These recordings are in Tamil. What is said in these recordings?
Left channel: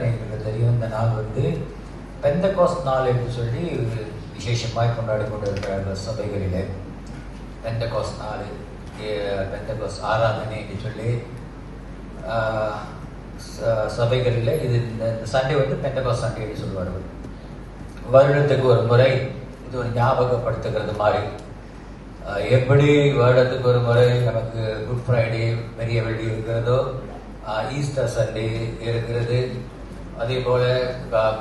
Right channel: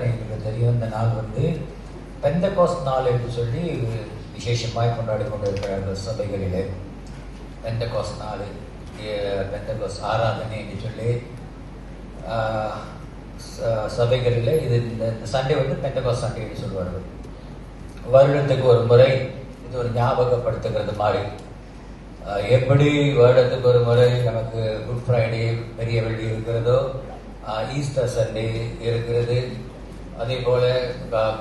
அநேகருக்கு தெரியும். இந்த நாள் பெந்தகோஸ்த் நாள் என்று சொல்லி விசேஷமாய் கொண்டாடி கொண்டிருக்கிறார்கள் சபைகளிலே. பெந்தகோஸ்த் நாள், பெந்தகோஸ்த் ஆராதனை என்று சொல்லி சபைகளில் இது இந்த சண்டே பெந்தகோஸ்த் சண்டே என்று சொல்வார்கள். வருடத்துக்கு ஒரு முறை இது ஒரு ஞாபகப்படுத்துகிறது மாதிரி. எப்படி வருடத்துக்கு ஒரு முறை நமக்கு குட் ஃப்ரைடே, பெரிய வெள்ளி இருக்கிறதோ, ஈஸ்டர் சண்டே இருக்கிறது, அதே போல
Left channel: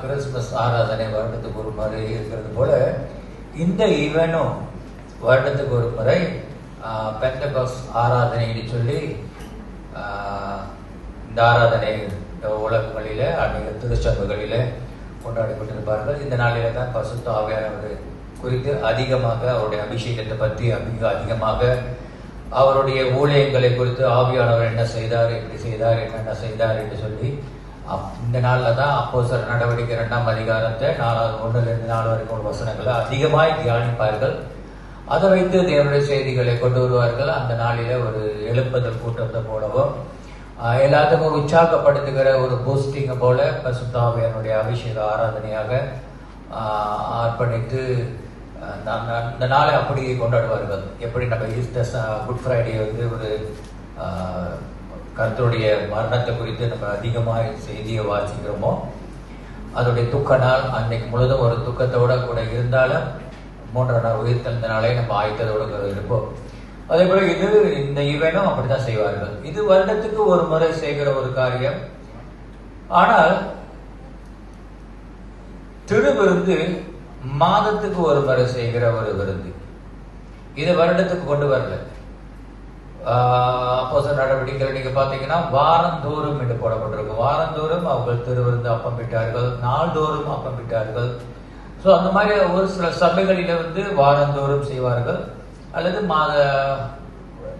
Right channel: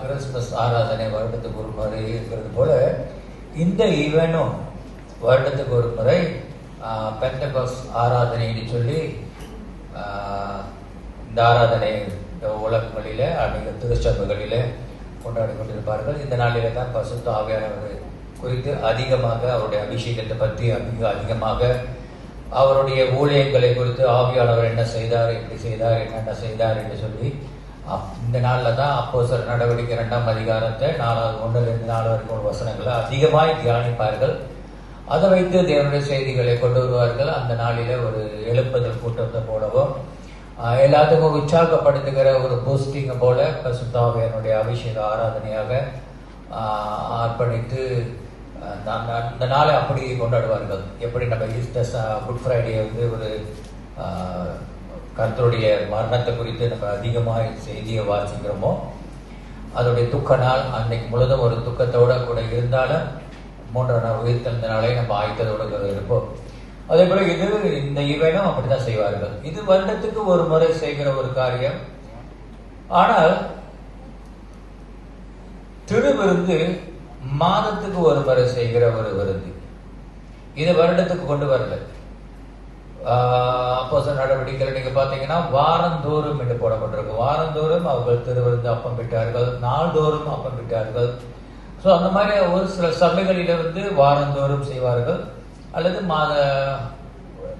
கிறிஸ்துமஸ் ஆராதனை வருடத்துக்கு ஒரு முறை இருக்கிறது போல இந்த ஈவெனும் வருடத்துக்கு ஒரு முறை பெந்தகோஸ்த் ஆராதனைன்னு சொல்லி இந்த ஆராதனை உலகங்களில அநேக திருச்சபைகளில கொண்டாடி கொண்டிருப்பார்கள். இந்த நாளில தான் பரிசுத்த ஆவியானவர் குறித்து அதிகமாக அவருடைய அபிஷேகத்தை பற்றி அதிகமாக அவருடைய ஊழியங்களை குறித்து ஆவியானவர் என்ன செய்தார், எப்படி செய்தார், என்னென்ன செய்தார் என்று சொல்லி இந்த நாளில் தான் அப்போஸ்தலர் நடவடிக்கை 2ஆம் அதிகாரத்தை 1-4 வரைக்கும் வசனங்களை அதிகமாய் தியானிப்பார்கள். அதை வைத்து தேவனுடைய செய்திகளை கொண்டு வருவார்கள். அந்த நாளில ஒரு எழுப்புதல் கூட்டத்தை போலவோ எல்லாத்துக்கும் உற்சாகப்படுத்துகிற ஒரு பூஸ்டிங் போல பரிசுத்த ஆவியானுடைய அபிஷேக ஆராதனையாக அர்ப்பணித்து இந்த நாளை அப்படி கொண்டாடுவார்கள். எப்படி நம்ம ஈஸ்டர் குட் ஃப்ரைடே ஒரு கர்த்தருடைய மரணத்தை குறித்து நம்ம அதிகமாக செய்தியை வாசிக்கிறோமோ, அதோடைய துக்க நாள் அன்னைக்கு முழுதும் ஒரு துக்கத்தோட கூட இருந்தாலும் 3ஆம் நாள் உயிர்த்தெழுந்த நாளை நம்ம ஆயத்தத்தோடு இருப்போம். அதே போல இந்த ஈவெனும் அப்படித்தான் செய்வார்கள். இது வருடத்துக்கு ஒரு முறை செய்கிற ஒரு காரியம். ஆனால் திருவிருந்து மாதத்துக்கு ஒரு முறை செய்கிற ஒரு விருந்து. இது வருடத்துக்கு கொண்டு வரல. அப்போஸ்தலர் நடவடிக்கைகள் நீங்க பாத்தீங்கன்னா வாரந்தோறும் என்று போடப்பட்டிருக்கும். வாரந்தோறும் அவர்கள் திருவிருந்து அப்பம் விட்டார்கள், நாள்தோறும் அப்பம் விட்டார்கள். ஸோ அந்த மாதிரி ஒரு சில சபைகளில வாரந்தோறும் செய்வார்கள், அல்லது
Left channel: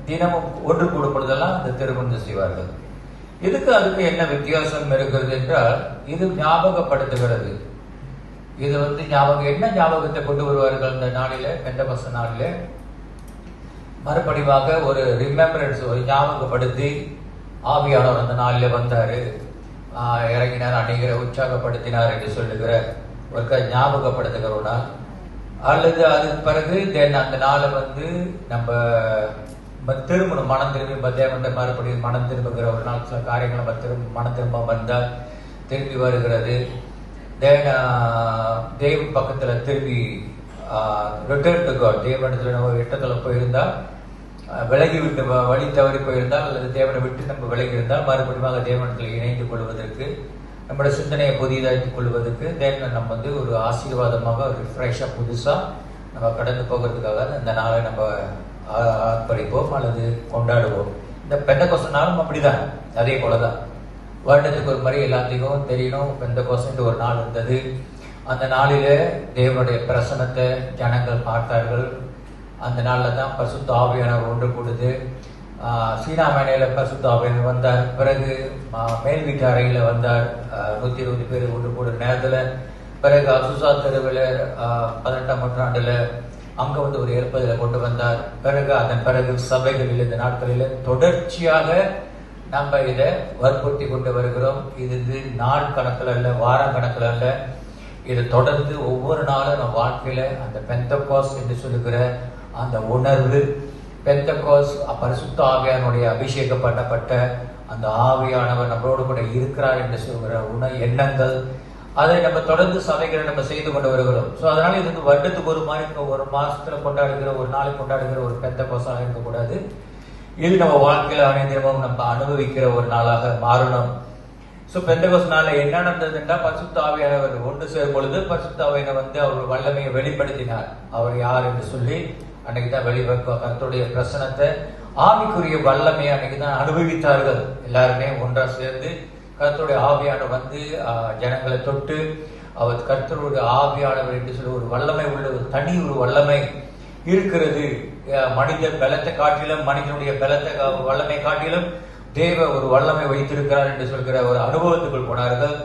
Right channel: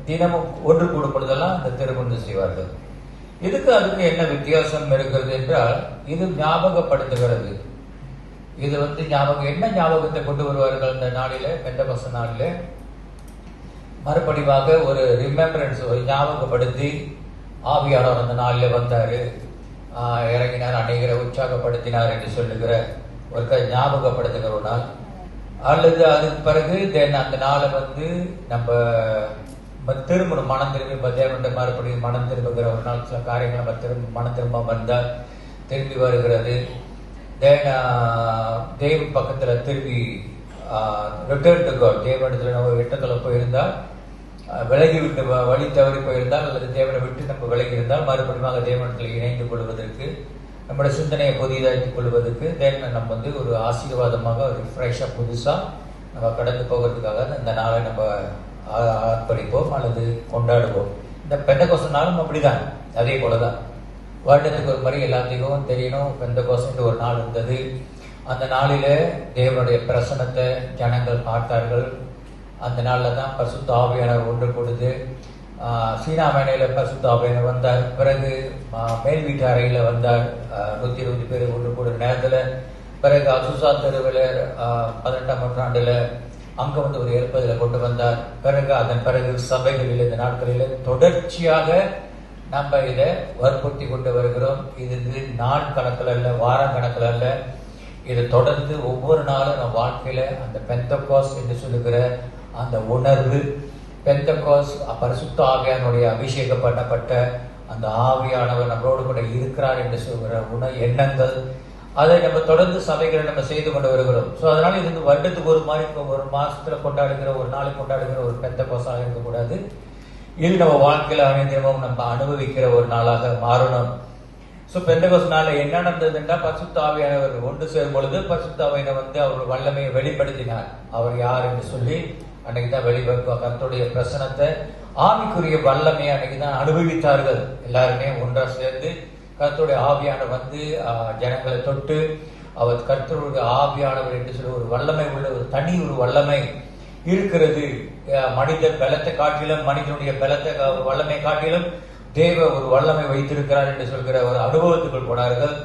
தினமும் ஒன்று கூடப்படுதெல்லாம் அந்த திருவிருந்து செய்வார்கள். அதுக்கு என்ன வித்தியாசம் இருக்கிறது என்றால், இது ஞாபகப்படுத்துகிறது. இது என்ன ஞாபகத்தை கொண்டு வருவார்கள் இந்த நாளில, பெந்தகோஸ்த் நாளில மறுபடியாக ஒரு ரிமெம்பரன்ஸ், ஒரு ஞாபகப்படுத்தி ஆவியானவர் அந்த நாளில் வந்தாரு, இறங்கினார், அநேகரை உற்சாகப்படுத்தினார் என்று சொல்லுகிற ஒரு ஞாபகப்படுத்துகிற ஒரு நாள். அல்லது அதுக்கு பிறகு அந்த நாளை நம்ம திரும்பணும், மனம் திரும்பி தேவன் மறுபடியும் மனம் திரும்புகிற ஒரு நாள். சில காரியங்கள் நம்ம மனம் திரும்ப வந்தால் திரும்பி வருகிறது. தேவ பக்கத்துல திரும்பி ரிட்டர்ன் டு காட், தேவனிடத்துல நம்ம விட்டத்துல போயிருந்தால், விலகி விட்டு வழி தவறி போயிருந்தால், அல்லது தேவனை விட்டு நம்ம விலகி இருந்தால் மறுபடியும் தேவனிடத்தில் இணைந்து கொள்வதற்கு, நம்முடைய சிந்தனையை புதிதாக்கிக் கொள்வதற்கு தேவனை நம்ம ஒரு ஆசீர்வாதமாக ஒரு ஃப்ரெஷ்ஷா புதுசா நம்ம கடந்து போகிறதுக்காக இந்த நாளை நம்ம ஆர்ப்பரிப்போம் அல்லது கொண்டாடுவோம். இந்த பெந்தகோஸ்த் நாளும் அப்படிதான், அதே போலதான். வருடத்துக்கு ஒரு முறை எல்லாத்தையும் தெரியணும். பெந்தகோஸ்த் ஒரு நாள் இருந்தது. அந்த நாளில தேவனுடைய பிரசனத்தை ஜனங்கள் பார்த்தார்கள். அந்த நாளில் தான் பரிசுத்த ஆவியானவர் ஒன்று கொடுத்து சீனா மேனையில பரிசுத்த ஆவியானவர் வந்தார். பிறகு மேல் வீட்டு அறையில வந்தார் 120 பேர் ஒன்று கூடுற நேரத்துல. பிறகு அசுசா தெருவில் 18ஆம் நூற்றாண்டுல அங்க ஒரு ஏற்பதில கொண்டு வந்தார். அதன் பிறகு சபைகளில் இந்த நாட்களில் தொடர்ச்சியாக நம்ம இதை வற்புறுத்தி கொண்டு வருகிறோம். இது நாள் கணக்கில் அல்ல, வாரம் கணக்கில் அல்ல, இது தொடர்ந்து ஒவ்வொரு நாளும் நம்ம வாழ்க்கையில அந்த பெந்தகோஸ்த் என்று சொல்லுகிற அந்த உணர்வு, பெந்தகோஸ்த் பரிசுத்த ஆவியானுடைய அபிஷேகம் பண்ணப்பட்ட அந்த ஆவியானவர் நம்மளோடு கூட இருக்கிறார் என்று சொல்கிற எண்ணங்கள், அதை நம்ம தொடர்ந்து சபைகளை நம்ம செய்து கொண்டு வருகிறோம். ஸோ அதனால இது வருடத்துக்கு ஒரு மாதிரி ஒரு மாசத்துல கொண்டாடுகிற, ஒரு நாளைக்கு கொண்டாடுகிற ஒரு பெந்தகோஸ்தாக இருக்கக்கூடாது. இது நம்ம வாழ்க்கையில அனைத்தினமும் நம்ம அனுபவிக்கிற ஒரு நாளாக மாறணும். சோ பெந்தகோஸ்த் நாள்ல என்ன நடந்ததுன்னா, பரிசுத்த ஆவியானவர் ஒன்று சேரும் பொழுது பரிசுத்த ஆவியானவர் அவர் வல்லமையை வெளிப்படுத்தினார். அவர் யார் என்று சொல்லி அன்னைக்குதான் கர்த்தருடைய பிரசனத்தை, ஆவிக்குரிய வல்லமையை அன்னைக்குதான் அனுபவித்தார்கள். எல்லாருமே ஒன்றா சேர்ந்து கர்த்தருடைய ஆவியானவர் ஜனங்களை தொட்டு, அவர் கர்த்தருடைய ஆவியானவர் என்று சொல்லி ஒரு வல்லமை உள்ள ஒரு தனி ஒரு வல்லமை இருக்கிறது. மனித பலத்தை காட்டிலும், மனிதனுடைய பலத்தை வல்லமை காட்டிலும் தேவ ஒரு வல்லமை வைத்திருக்கிறார் என்று சொல்கிற ஒரு அனுபவத்துக்குள் போனார்கள்.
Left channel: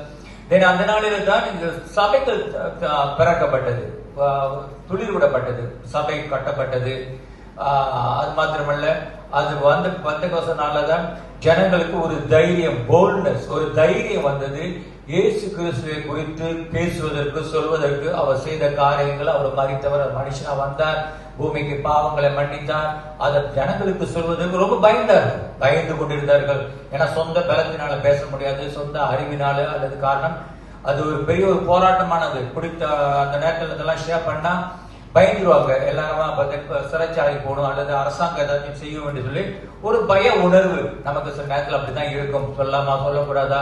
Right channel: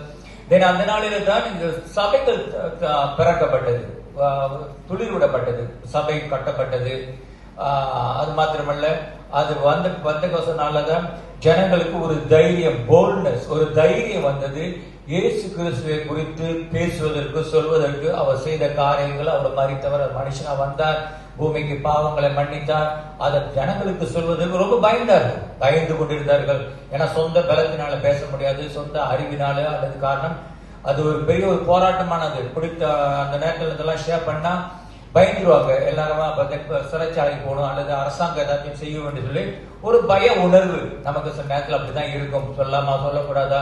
அந்த நாளில தான் இந்த சபைகள் பிறக்கப்பட்டது, துளிர் விடப்பட்டது, சபை கட்டப்பட்டது. அது மாத்திரமல்ல, அது வந்து பெந்தெகோஸ்து நாள்லதான் ஜனங்களுக்கு ஒரு தைரியம், போல்ட்னஸ், ஒரு தைரியம் வந்தது. இயேசு கிறிஸ்துவை குறித்து பேசுவதற்கு, சொல்வதற்கு, அவர் செய்த காரியங்கள், அவர் மரித்தவர், மனுஷனா வந்தார், பூமிக்கு பாவங்களை மன்னித்தார், அதை ஜனங்களுக்கு சொல்வதற்கு ரொம்ப பயந்தார்கள், பயந்து கொண்டிருந்தார்கள். ஏன்னா சொந்த பலத்தினால பேச முடியாது, சொந்த அறிவினால அல்லது காரணம் அது ஒரு பெரிய ஒரு போராட்டமானது. பிடித்த அந்த நேரத்தில் இதெல்லாம் ஷேர் பண்ணா பயந்துருவாங்க எல்லாருமா, சிறைச்சாலை போகணும் அல்லது அரசாங்கம் ஏதாச்சும் செய்ய வேண்டும் சொல்லி ஒரு பய உணர்வு நமக்கு சில நேரத்தில் அப்படிதான் இருக்கும். சொல்லாமா, சொல்லக்கூடாதா,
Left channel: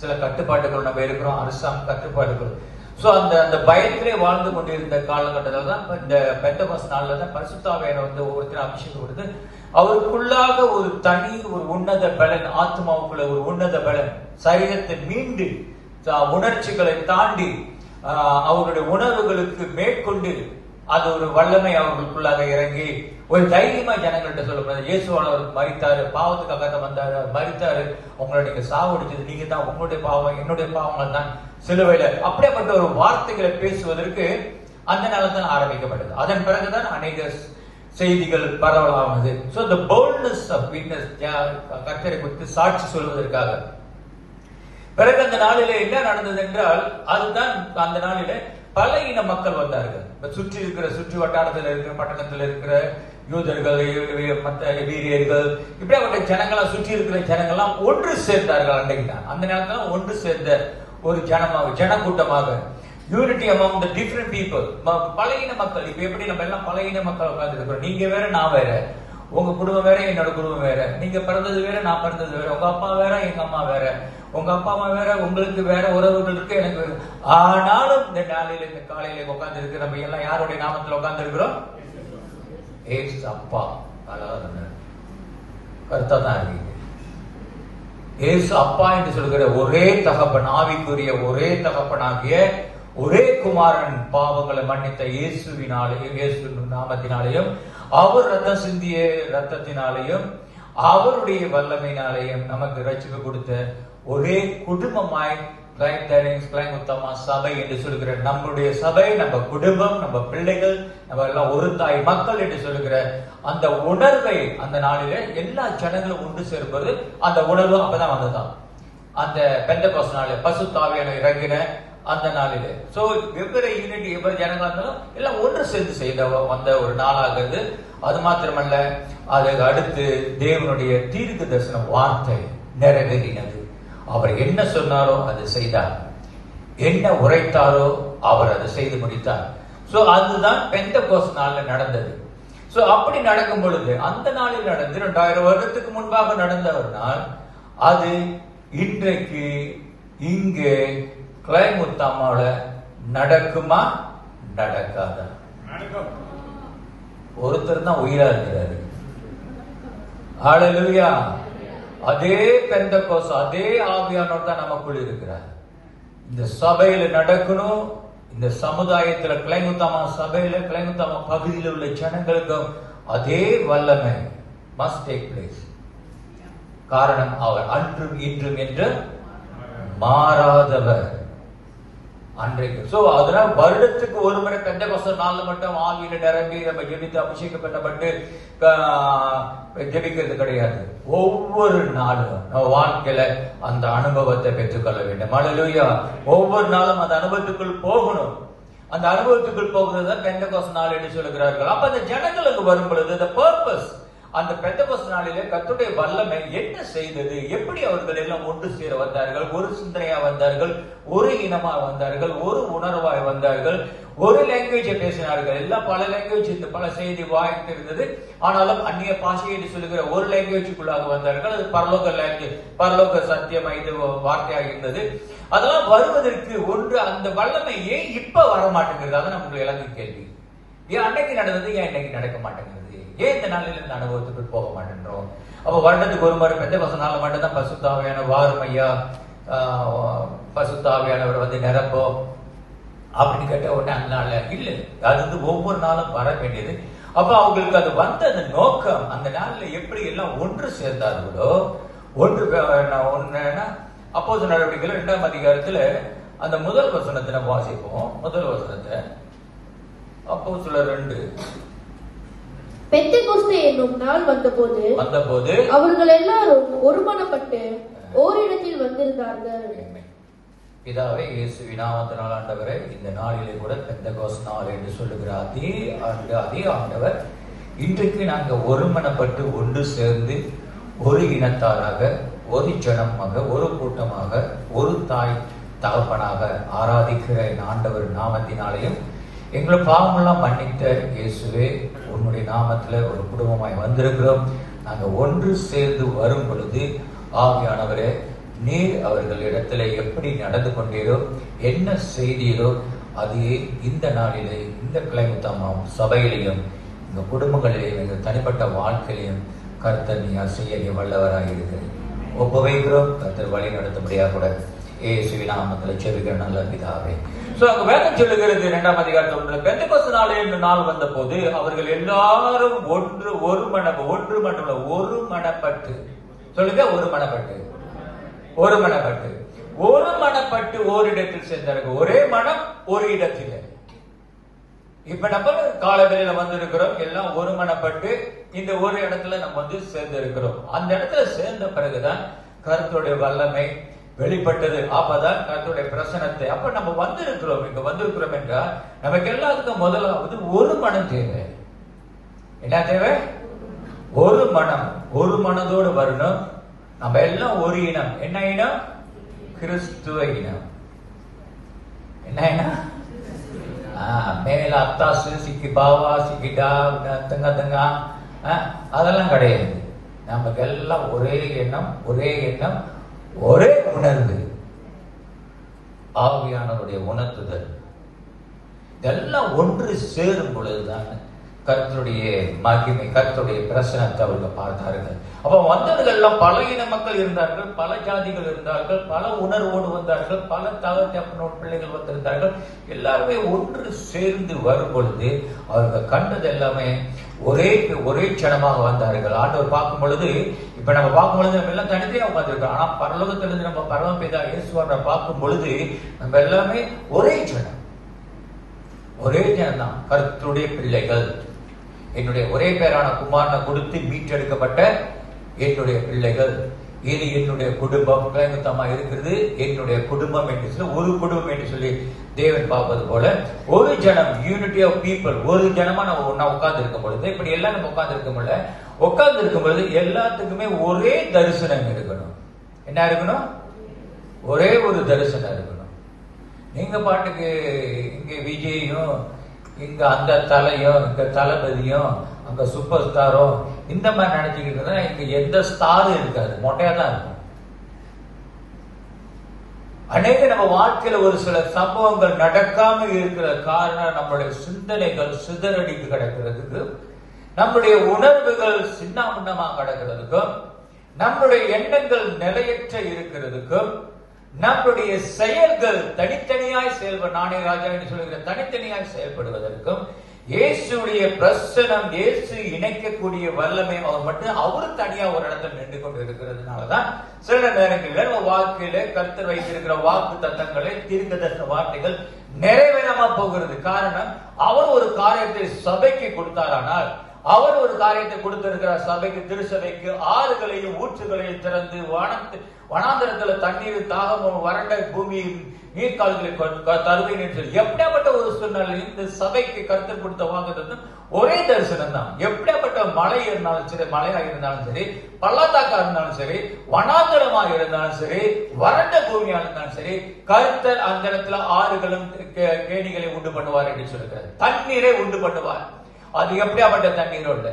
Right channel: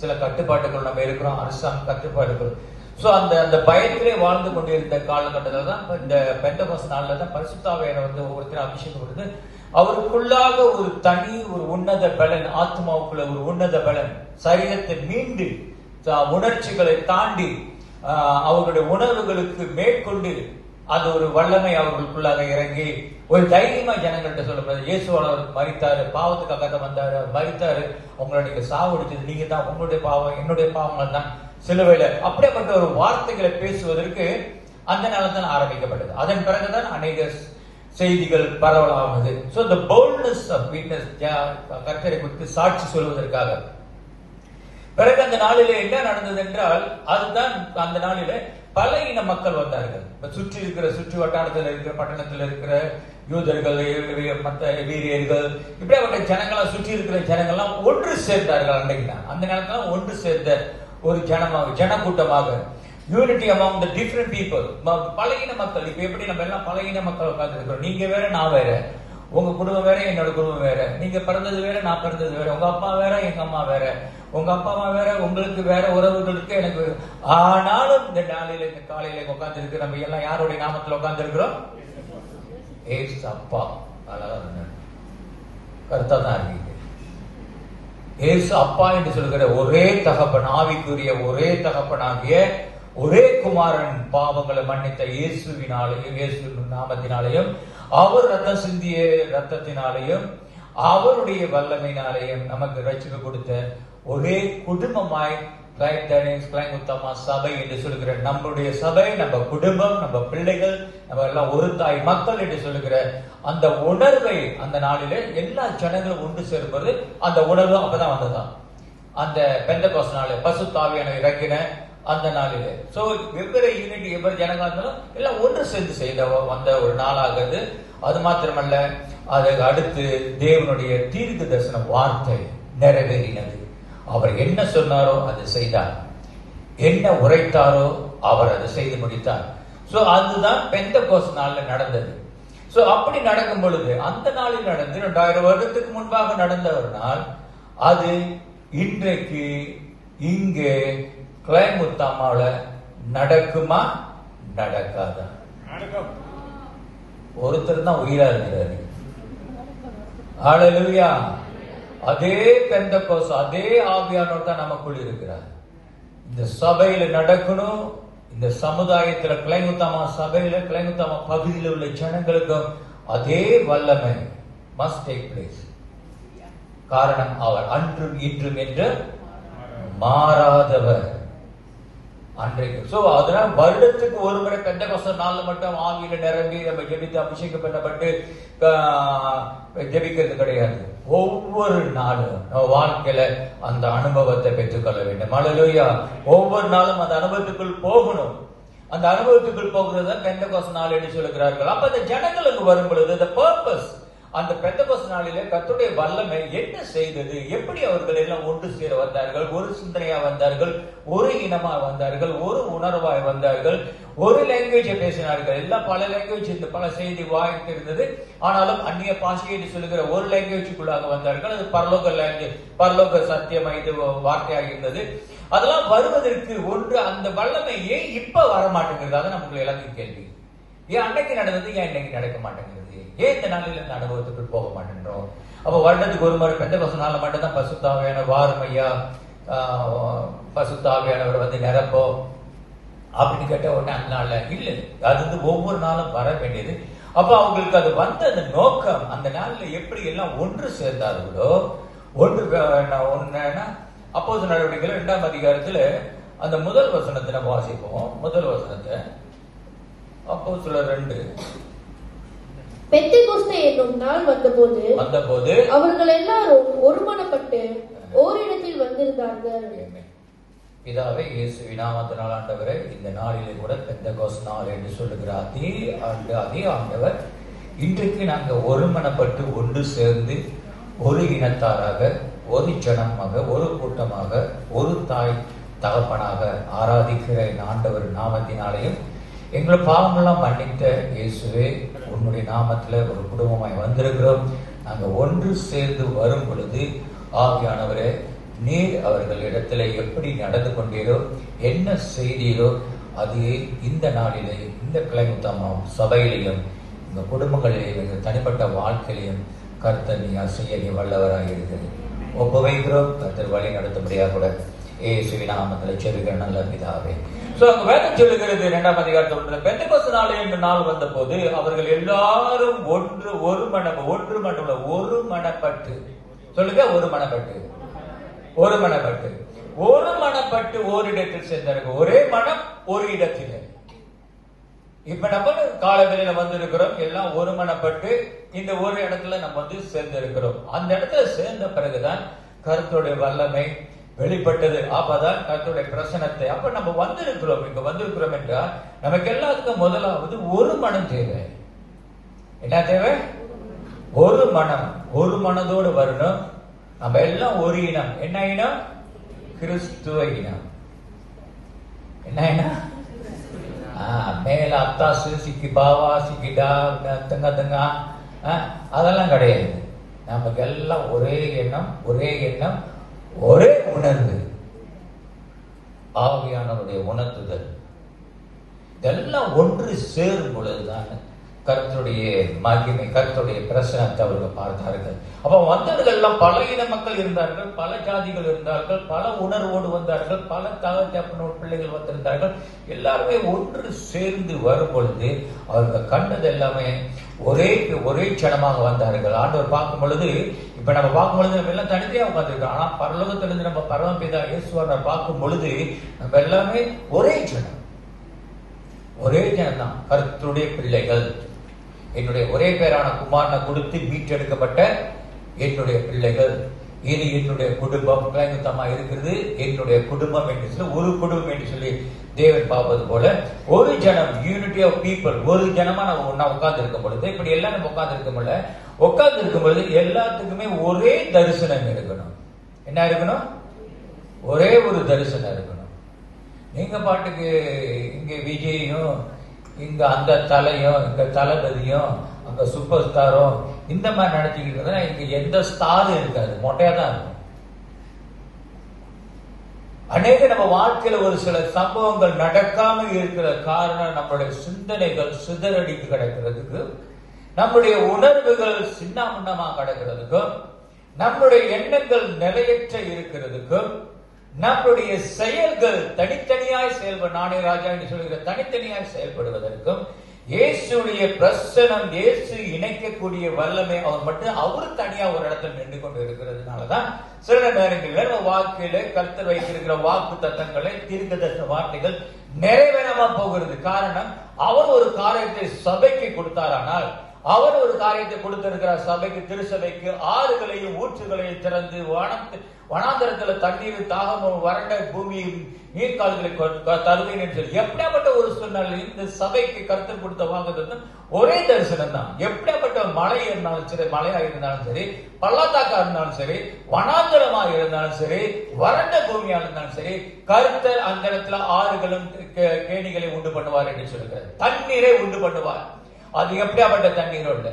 சில கட்டுப்பாடுகள் நம்ம இருக்கிறோம், அரசாங்க கட்டுப்பாடுகள். சோ அந்த பயத்திலே வாழ்ந்து கொண்டிருந்த காலகட்டத்தில் தான் இந்த பெந்தெகோஸ்து நாள்ல தான் பரிசுத்த ஆவியானவர் வந்து ஒவ்வொருத்தரும் அபிஷேகம் கொடுத்து அவருக்குள்ளாக ஒரு தனி ஒரு உன்னத பலன், ஆத்மாவுக்குள்ள ஒரு உன்னத பலன், சரீரத்தை மீண்டு உணர்ச்சிகளை தாண்டி அவர்களுடைய உணர்வுகளுக்கு மேற்கொண்டு அது ஒரு வல்லமை அவர்களுக்குள்ளாக இறங்கி ஒரு தைரியமா ஜனங்கள்கிட்ட சொல்லப்படுது. இயேசுவானவர் மரித்தாரு, பாவத்துக்காக வந்தாரு, மரித்தாரு, உங்களை நீங்க சாவடிச்சது நீங்க தான், உங்களுடைய பாவம் என்னுடைய பாவங்கள் தான் சிலுவையில, அப்படிப்பட்ட ஒரு வார்த்தைகளை பேசுவதற்கு அந்த நாள் தான் ஆரம்பிக்கப்பட்டது. அதன் பிறகுதான் அநேக செய்திகள் பரவலானது. So the boldness of witness, கர்த்தரை குறித்து சாட்சி சொல்வதற்காக. பிறகு அந்த நாளிலே என்ன நடந்தது என்றால், அதுதான் அந்த நாளிலே பல இன மக்கள் வந்தார்கள். சுற்றி வட்டாரத்தில் இருக்கிற, பட்டணத்தில் இருக்கிற யூதர்கள், மற்ற வீரியர்கள், இப்படியாப்பட்ட ஜனங்களாம், சுற்றி இருக்கிற ஜனங்கள்லாம் ஒன்று சேர்ந்தார்கள். அன்றைக்கு தான் அந்த நேரத்தில் ஒன்று சேர்ந்த ஒரு ஜனக்கூட்டமாக, unity among the different people, பழையின மக்கள். இப்ப எப்படி நம்ம எல்லாம் பழையின மக்கள் உட்கார்ந்து இருக்கிறோம், நீங்க வேற நான் வேற, உங்க குடும்பம் வேற என்னோட குடும்பம் வேற, நீங்க பிறந்தது வேற நான் பிறந்தது வேற, உங்க அப்பா வேற எங்க அம்மா வேற, உங்க அப்பா அம்மா வேற, உங்களுக்கு வேற, உறவுகளுக்கு எனக்கு வேற. ஆனாலும் இந்த நாளில, இந்த காலையில உட்கார்ந்து இருக்கிற நம்ம எல்லாம் யாருடைய நாமத்தில் உட்கார்ந்து இருக்கிறோம்? ஏசு அப்பா. கருத்தா தான் இருக்கீங்க. ஏசு அப்பா என்று சொல்கிற ஒரே தகப்பன், ஆவிக்குரிய ஒரே தகப்பனாகிய ஒரே குமாரன், பாவங்களை மன்னித்த இயேசுவினாலேயும், இயேசு நாமத்தினாலேயும், அவர் ரத்தம் சிந்திய ரத்தத்தினாலேயும், அவருடைய வல்லமையினாலேயும் நமக்கு ரட்சிப்பு கொடுத்த ஒரே குடும்பமாய் கிளைமுத்தமா சபை என்று சொல்லுகிற நம்முடைய சபை, நம்ம குடும்பம், நம்ம பிள்ளைகள், நம்ம எல்லாம் ஒரு தாய் மக்கள் என்று சொல்லுகிற அந்த உணர்வை அந்த நாளிலே எல்லா ஜனங்களும் ஒன்று சேர்ப்பது, அந்த உணர்வு அப்பதான் வந்ததான் அந்த பெந்தெகோஸ்து நாள், பரிசுத்த ஆவியானவர் இறங்கின அந்த நாளிலே. சோ வெவ்வேறு யூனிட், எவ்வளவு ஜனங்கள் இருந்தாலும் எல்லாம் ஒன்று சேர்ந்து செய்த வந்த ஒரு நாளாகுது. அது மாத்திரமல்ல, அதுக்கு அடுத்து தேவனுடைய தீர்க்க தரிசன வார்த்தை நிறைவேறினது. அவர் என்ன சொன்னாரோ அதை செய்தார், என்ன உரைத்தாரோ அவர் அதை செய்து முடித்தார். சோ அதுதான் பெந்தெகோஸ்து நாள்ல நடந்தது. சோ அப்படி நடக்கும் பொழுது, அந்த நாளில் நடந்து 2000 வருடத்துக்கு முன்பாக நடந்த ஒரு நாள், அது இன்றைக்கு இங்கே கிளைமுத்தாமால நடக்குமா நடக்காதா? ஒருத்தர் தான் உயிரா இருக்கிறாரு. ஹல்லேலூயா. அதே பெந்தெகோஸ்து, அதே ஆவியானவர் தான் நமக்குள் இருக்கிறார். இந்த சபையில நடக்கணும், இந்த சமுதாயத்துல கிளைமுத்தாமா சபையில, கிளைமுத்தாமா பகுதியில் உள்ள ஜனங்களுக்கும் அதே வல்லமை மஸ்ட் டேக் பிளேஸ். காரணம், அவர் அன்றும் இன்றும் என்று மாறாதவர். அன்றைக்கு சோ அதனால வருடத்துக்கு ஒரு முறை பெந்தெகோஸ்து நாள்ல மட்டும் ஆவியில நிரம்பி நம்ம ஜெபித்து அபிஷேகம் பண்ணப்பட்டு ஜெபிக்கிறது கிடையாது. ஒவ்வொரு நாளும் நம்ம வாழ்க்கையில அந்த அனுபவத்தை பெற்றுக்கொள்ள வேண்டும். ஹல்லேலூயா. ஒவ்வொரு நாளும் அந்த அனுபவத்துக்குள் போகணும். அந்த அனுபவத்துக்குள் போகிறது தான் பெந்தெகோஸ்து நாள் என்று சொல்லுகிறார்கள். அப்ப அந்த ஜனங்களுக்கு வரும் பொழுது the purpose, அந்த பெந்தெகோஸ்து நாளிலே கர்த்தருடைய வல்லமை என்ன செய்தது, எப்படி அவர்கள் எல்லாம் ஒன்று சேர வந்தார்கள், ஒரு சிந்தனையா வந்தார்கள், ஒரு இனமா வந்தார்கள், ஒரு உணர்வாய் வந்தார்கள், ஒரு லாங்குவேஜை பேசினார்கள். எல்லாம் பல லாங்குவேஜ், இந்த பல செய்தி வாய்ப்பு இருந்தது. ஆனாலும் அந்நிய பாஷை என்று சொல்லுகிற ஒரு லாங்குவேஜுக்குள்ளாக வந்தார்கள். அது பரலோக லாங்குவேஜ், பரலோக சத்தியம் இது வார்த்தையாக இருந்தது. அதெல்லாம் வருவதற்கு ஒன்று, அந்த வல்லமை ஏன் இப்ப வர மாட்டேங்கிறது? அதான் நமக்கு எல்லாத்துக்கும் கேள்வி. ஏன் அன்னைக்கு நடந்தது, ஏன் இன்னைக்கு நடக்க மாட்டேங்குது? ஏன் இந்த நாளில் இந்த அனுபவத்துக்குள் போக மாட்டேன்றோம்? அப்ப வருடத்துக்கு ஒரு முறை பெந்தெகோஸ்து நாள்ல மட்டும் தான் பரிசுத்த ஆவியானவர் வாரும் ஐயா, பரிசுத்த ஆவியானவர் வந்து நிரப்போ அப்படின்னு கேட்ட உடனே அந்த நாள்ல இல்ல, அது வந்து ஒவ்வொரு நாளும் வர வேண்டியது. அப்ப அவங்களுக்கு அது வந்த அந்த நோக்கம், அந்த நாள்ல எப்படி எல்லாம் ஒன்று சேர்ந்தார்களோ, ஒன்றுன்னா அப்போஸ்தலர் நடவடிக்கைகள் 2ஆம் அதிகாரத்துல அந்த முதல் வசனத்தை நம்ம வாசிப்போம். முதல் வசனத்தை அப்போஸ்தலர் 2 பெந்தெகோஸ்தே என்னும் நாள் வந்தபோது அவர்கள் எல்லாரும் ஒருமனப்பட்டு ஓரிடத்தில் வந்திருந்தார்கள். பிதாவே, இயேசுவின் நாமத்தினால் ஆண்டவரே, இந்த நாளிலே கூட பெந்தெகோஸ்தே நாள் என்று சொல்லுகிற அதே ஆண்டவர் இன்றைக்கு நாங்கள் ஒருமனப்பட்டு ஒன்று சேர்ந்து ஒரு இனத்தாராக, ஒரு ஜனமாக, ஒரு கூட்டமாக, ஒரு தாய் தகப்பனாக ஆராதிக்கிற ஆண்டவர் நாமத்தினாலேயும் எங்களை பாவமெல்லாம் மன்னித்த இயேசுவே, உன்னுடைய நாமத்துல ஒரு குடும்பமாய் வந்திருக்கிறோம். நாங்கள் ஒன்று சேர்ந்து வரும் பொழுது ஆவியானவரே, நீர் அவர்கள் இடத்துல எப்படி நடந்து கொண்டீரோ, என்ன செய்தீரோ, அதே இந்த நாளிலே இந்த கிளைமுத்தமாம் சபையிலையும் இந்த குடும்பங்களிலேயும் எங்கள் தனிப்பட்ட வாழ்க்கையிலையும் கர்த்தர் நீர் செய்ய நீ வல்லவராக இருக்கிறது ஒப்புவைக்கிறோம். கர்த்தர் வழி நடத்தும்படியாக கூட இயேசுவின் நாமத்தில் செபிக்கிற நல்ல பிதாவே. வேதம் சொல்லுகிறது 2ஆம் அதிகாரத்தில் பெந்தெகோஸ்தே நாள் என்று நாள் வந்த போது அவர்கள் எல்லாரும் ஒருமனப்பட்டு சொல்லுங்க, ஒருமனப்பட்டு ஓரிடத்தில் சேர்ந்தார்கள். ஒரே மனம் ஒரு இடத்தில். இப்ப நம்ம காலவெளியில வந்திருக்கிறோம், எல்லாம் ஒருமனப்பட்டு இந்த ஒரு இடத்துல நம்ம சேர்ந்து இருக்கிறோம். அந்த இடத்துல சேர்ந்த பிறகுதான் கர்த்தருடைய வல்லமை வெளிப்பட்டது. அப்பதான் கர்த்தருடைய பிரசனத்தை அப்ப நம்ம வந்திருக்கிறோம். இங்க வந்திருக்கிறோம் என்றால் நமக்கு எல்லாத்துக்கும் முதலாவது ஒரு மனம் தேவை. என்ன தேவை? ஒரு மனம். ஒரு மனதோடு வரணும். நம்ம எல்லாம் ஒரு இனம். என்ன இனம்? கிறிஸ்துவ இனம். என்ன இனம்? மேல அத்தாசு, சிக்கி பாவா, சிக்கிடா, தங்கா அதெல்லாம் கிடையாது. நமக்கு எல்லாம் ஒரே எண்ணம், ஒரே உணர்வு, ஆவியானவருடைய உணர்த்துதல். இதெல்லாம் ஒன்று சேரும் பொழுதுதான் கர்த்தருடைய மகிமை, கர்த்தருடைய பிரசனத்தை அவர்கள் பார்த்தார்கள். அப்ப வந்தவர்கள் பல இன மக்கள் இருந்தார்கள், பல ஜாதிகள் இருந்தார்கள், பல உணர்வோடு வந்தார்கள், பல தகப்பனோடு பிள்ளைகள் வந்திருந்தார்கள். எல்லாருமே ஒன்று சேர்ந்து வரும் பொழுது அவர்கள் கண்டது எல்லாமே ஒரே சனமாக வந்தார்கள். ஆண்டவர் பார்க்கும் பொழுது, இப்ப நம்ம பார்க்கும் பொழுது நம்ம எல்லாம் தனித்தையா உட்காந்துருக்கோம். ஆனா பரலோகத்திலிருந்து நம்ம பரமபிதா இயேசுவை பார்க்கும் பொழுது நம்ம எல்லாமே ஒரே ஜனம் தான், கர்த்தருடைய பிள்ளைகள். என்னுடைய ஒரே பேரான குமாரனை கொடுத்து மீட்டெடுக்கப்பட்ட என்னுடைய பிள்ளைகள். இது என்னுடைய குடும்பம் கிளைமுத்தமா இருக்கிறது. என்னுடைய குடும்பம் என்று சொல்லி, ஒரு குடும்பம் என்று சொல்லி தேவன் பார்ப்பது போல ஒரு ஜனம், யூனிட்டி ஆஃப் பீப்புள், ஒரு ஜனமா நம்ம ஒன்னா உட்கார்ந்து இருக்கும் பொழுது, இப்படி எல்லாம் நம்ம உட்கார்ந்து இருக்கும் பொழுது எல்லாத்துக்குமே ஒரே தரிசனம் இருக்கணும். என்ன இருக்கணும்? ஒரே ஒரு தரிசனம் இருக்கணும். நீங்க பாட்டுக்கு இங்க விஜயும், இங்க அந்த தலையும், இங்க தளபதியும், அங்க சூப்பர் ஸ்டாரும் இந்த மாதிரி நினைச்சுக்கிட்டு இங்க எந்த ஸ்டாரும் இருக்காது, மொட்டையா தான் இருக்கும். அநேக நம்ம வாழ்க்கையில ஒரு சில சம்பவங்கள் நடக்காம இருக்கிற காரணம் நம்மளுடைய சிந்தனைகள் சிதறடிக்கு கிடக்கிறதுக்கு, நம்முடைய உணர்வுகள் சின்னாமுன்னமா கிடக்கிறதுக்கும், நம்முடைய எண்ணங்கள் நிலையற்ற இருக்கிறதுக்கும், நம்முடைய செயல்கள் தனித்தனியாய் நானே ராஜா என்று சொல்லுகிற தனித்தனியாய் செயல்படுவதற்கும், இயேசுடைய பிரசனம், இயேசு இணைக்கக்கூடிய வல்லமை அவர் மட்டும் அவரு தனியா ஒரு இடத்துல நின்று கொண்டு இருக்கிறதுனாலதான் சில நேரங்களில் நம்ம வாழ்க்கையில கர்த்தர் வைத்திருக்கிற வாக்கு தத்தங்களை, தீர்க்கதரிசன வார்த்தைகள் நிறைவேறாம போகிறது. காரணம், அவர் ஒரு காரியத்தை சபைக்கு கொடுத்தாரானால், அவர் ஒரு காரியத்தை கொடுத்திருக்கிறார் சபைக்கு, திருச்சபைக்கு, ஆறுகளையும் ஊற்றுகளையும் திறந்து வனாந்தரத்துல தண்ணீர் தாகம் வறண்ட பூமியின் நீர்கால்களை தருவேன் என்று சொல்லி எப்படியாப்பட்ட ஒரு சூழ்நிலை இந்த சபைக்கு கருத்து கொடுத்த வாங்குறது ஒரே தரிசனம் தான். எப்படியாப்பட்ட மழை இருந்தாலும் சரி, மழையா இருந்தாலும் சரி, பள்ளத்தாக்கா இருந்தாலும் சரி, வனாந்தரமாக இருந்தாலும் சரி, வறண்ட பூமியா இருந்தாலும் சரி, கர்த்தர் அந்த இடத்துல ஆறுகளும் கேணிகளை உண்டு பண்ணுவார் என்று சொல்லுகிறார். தண்ணீரை உண்டு பண்ணுவார். அது எப்படியாப்பட்ட தண்ணீரோட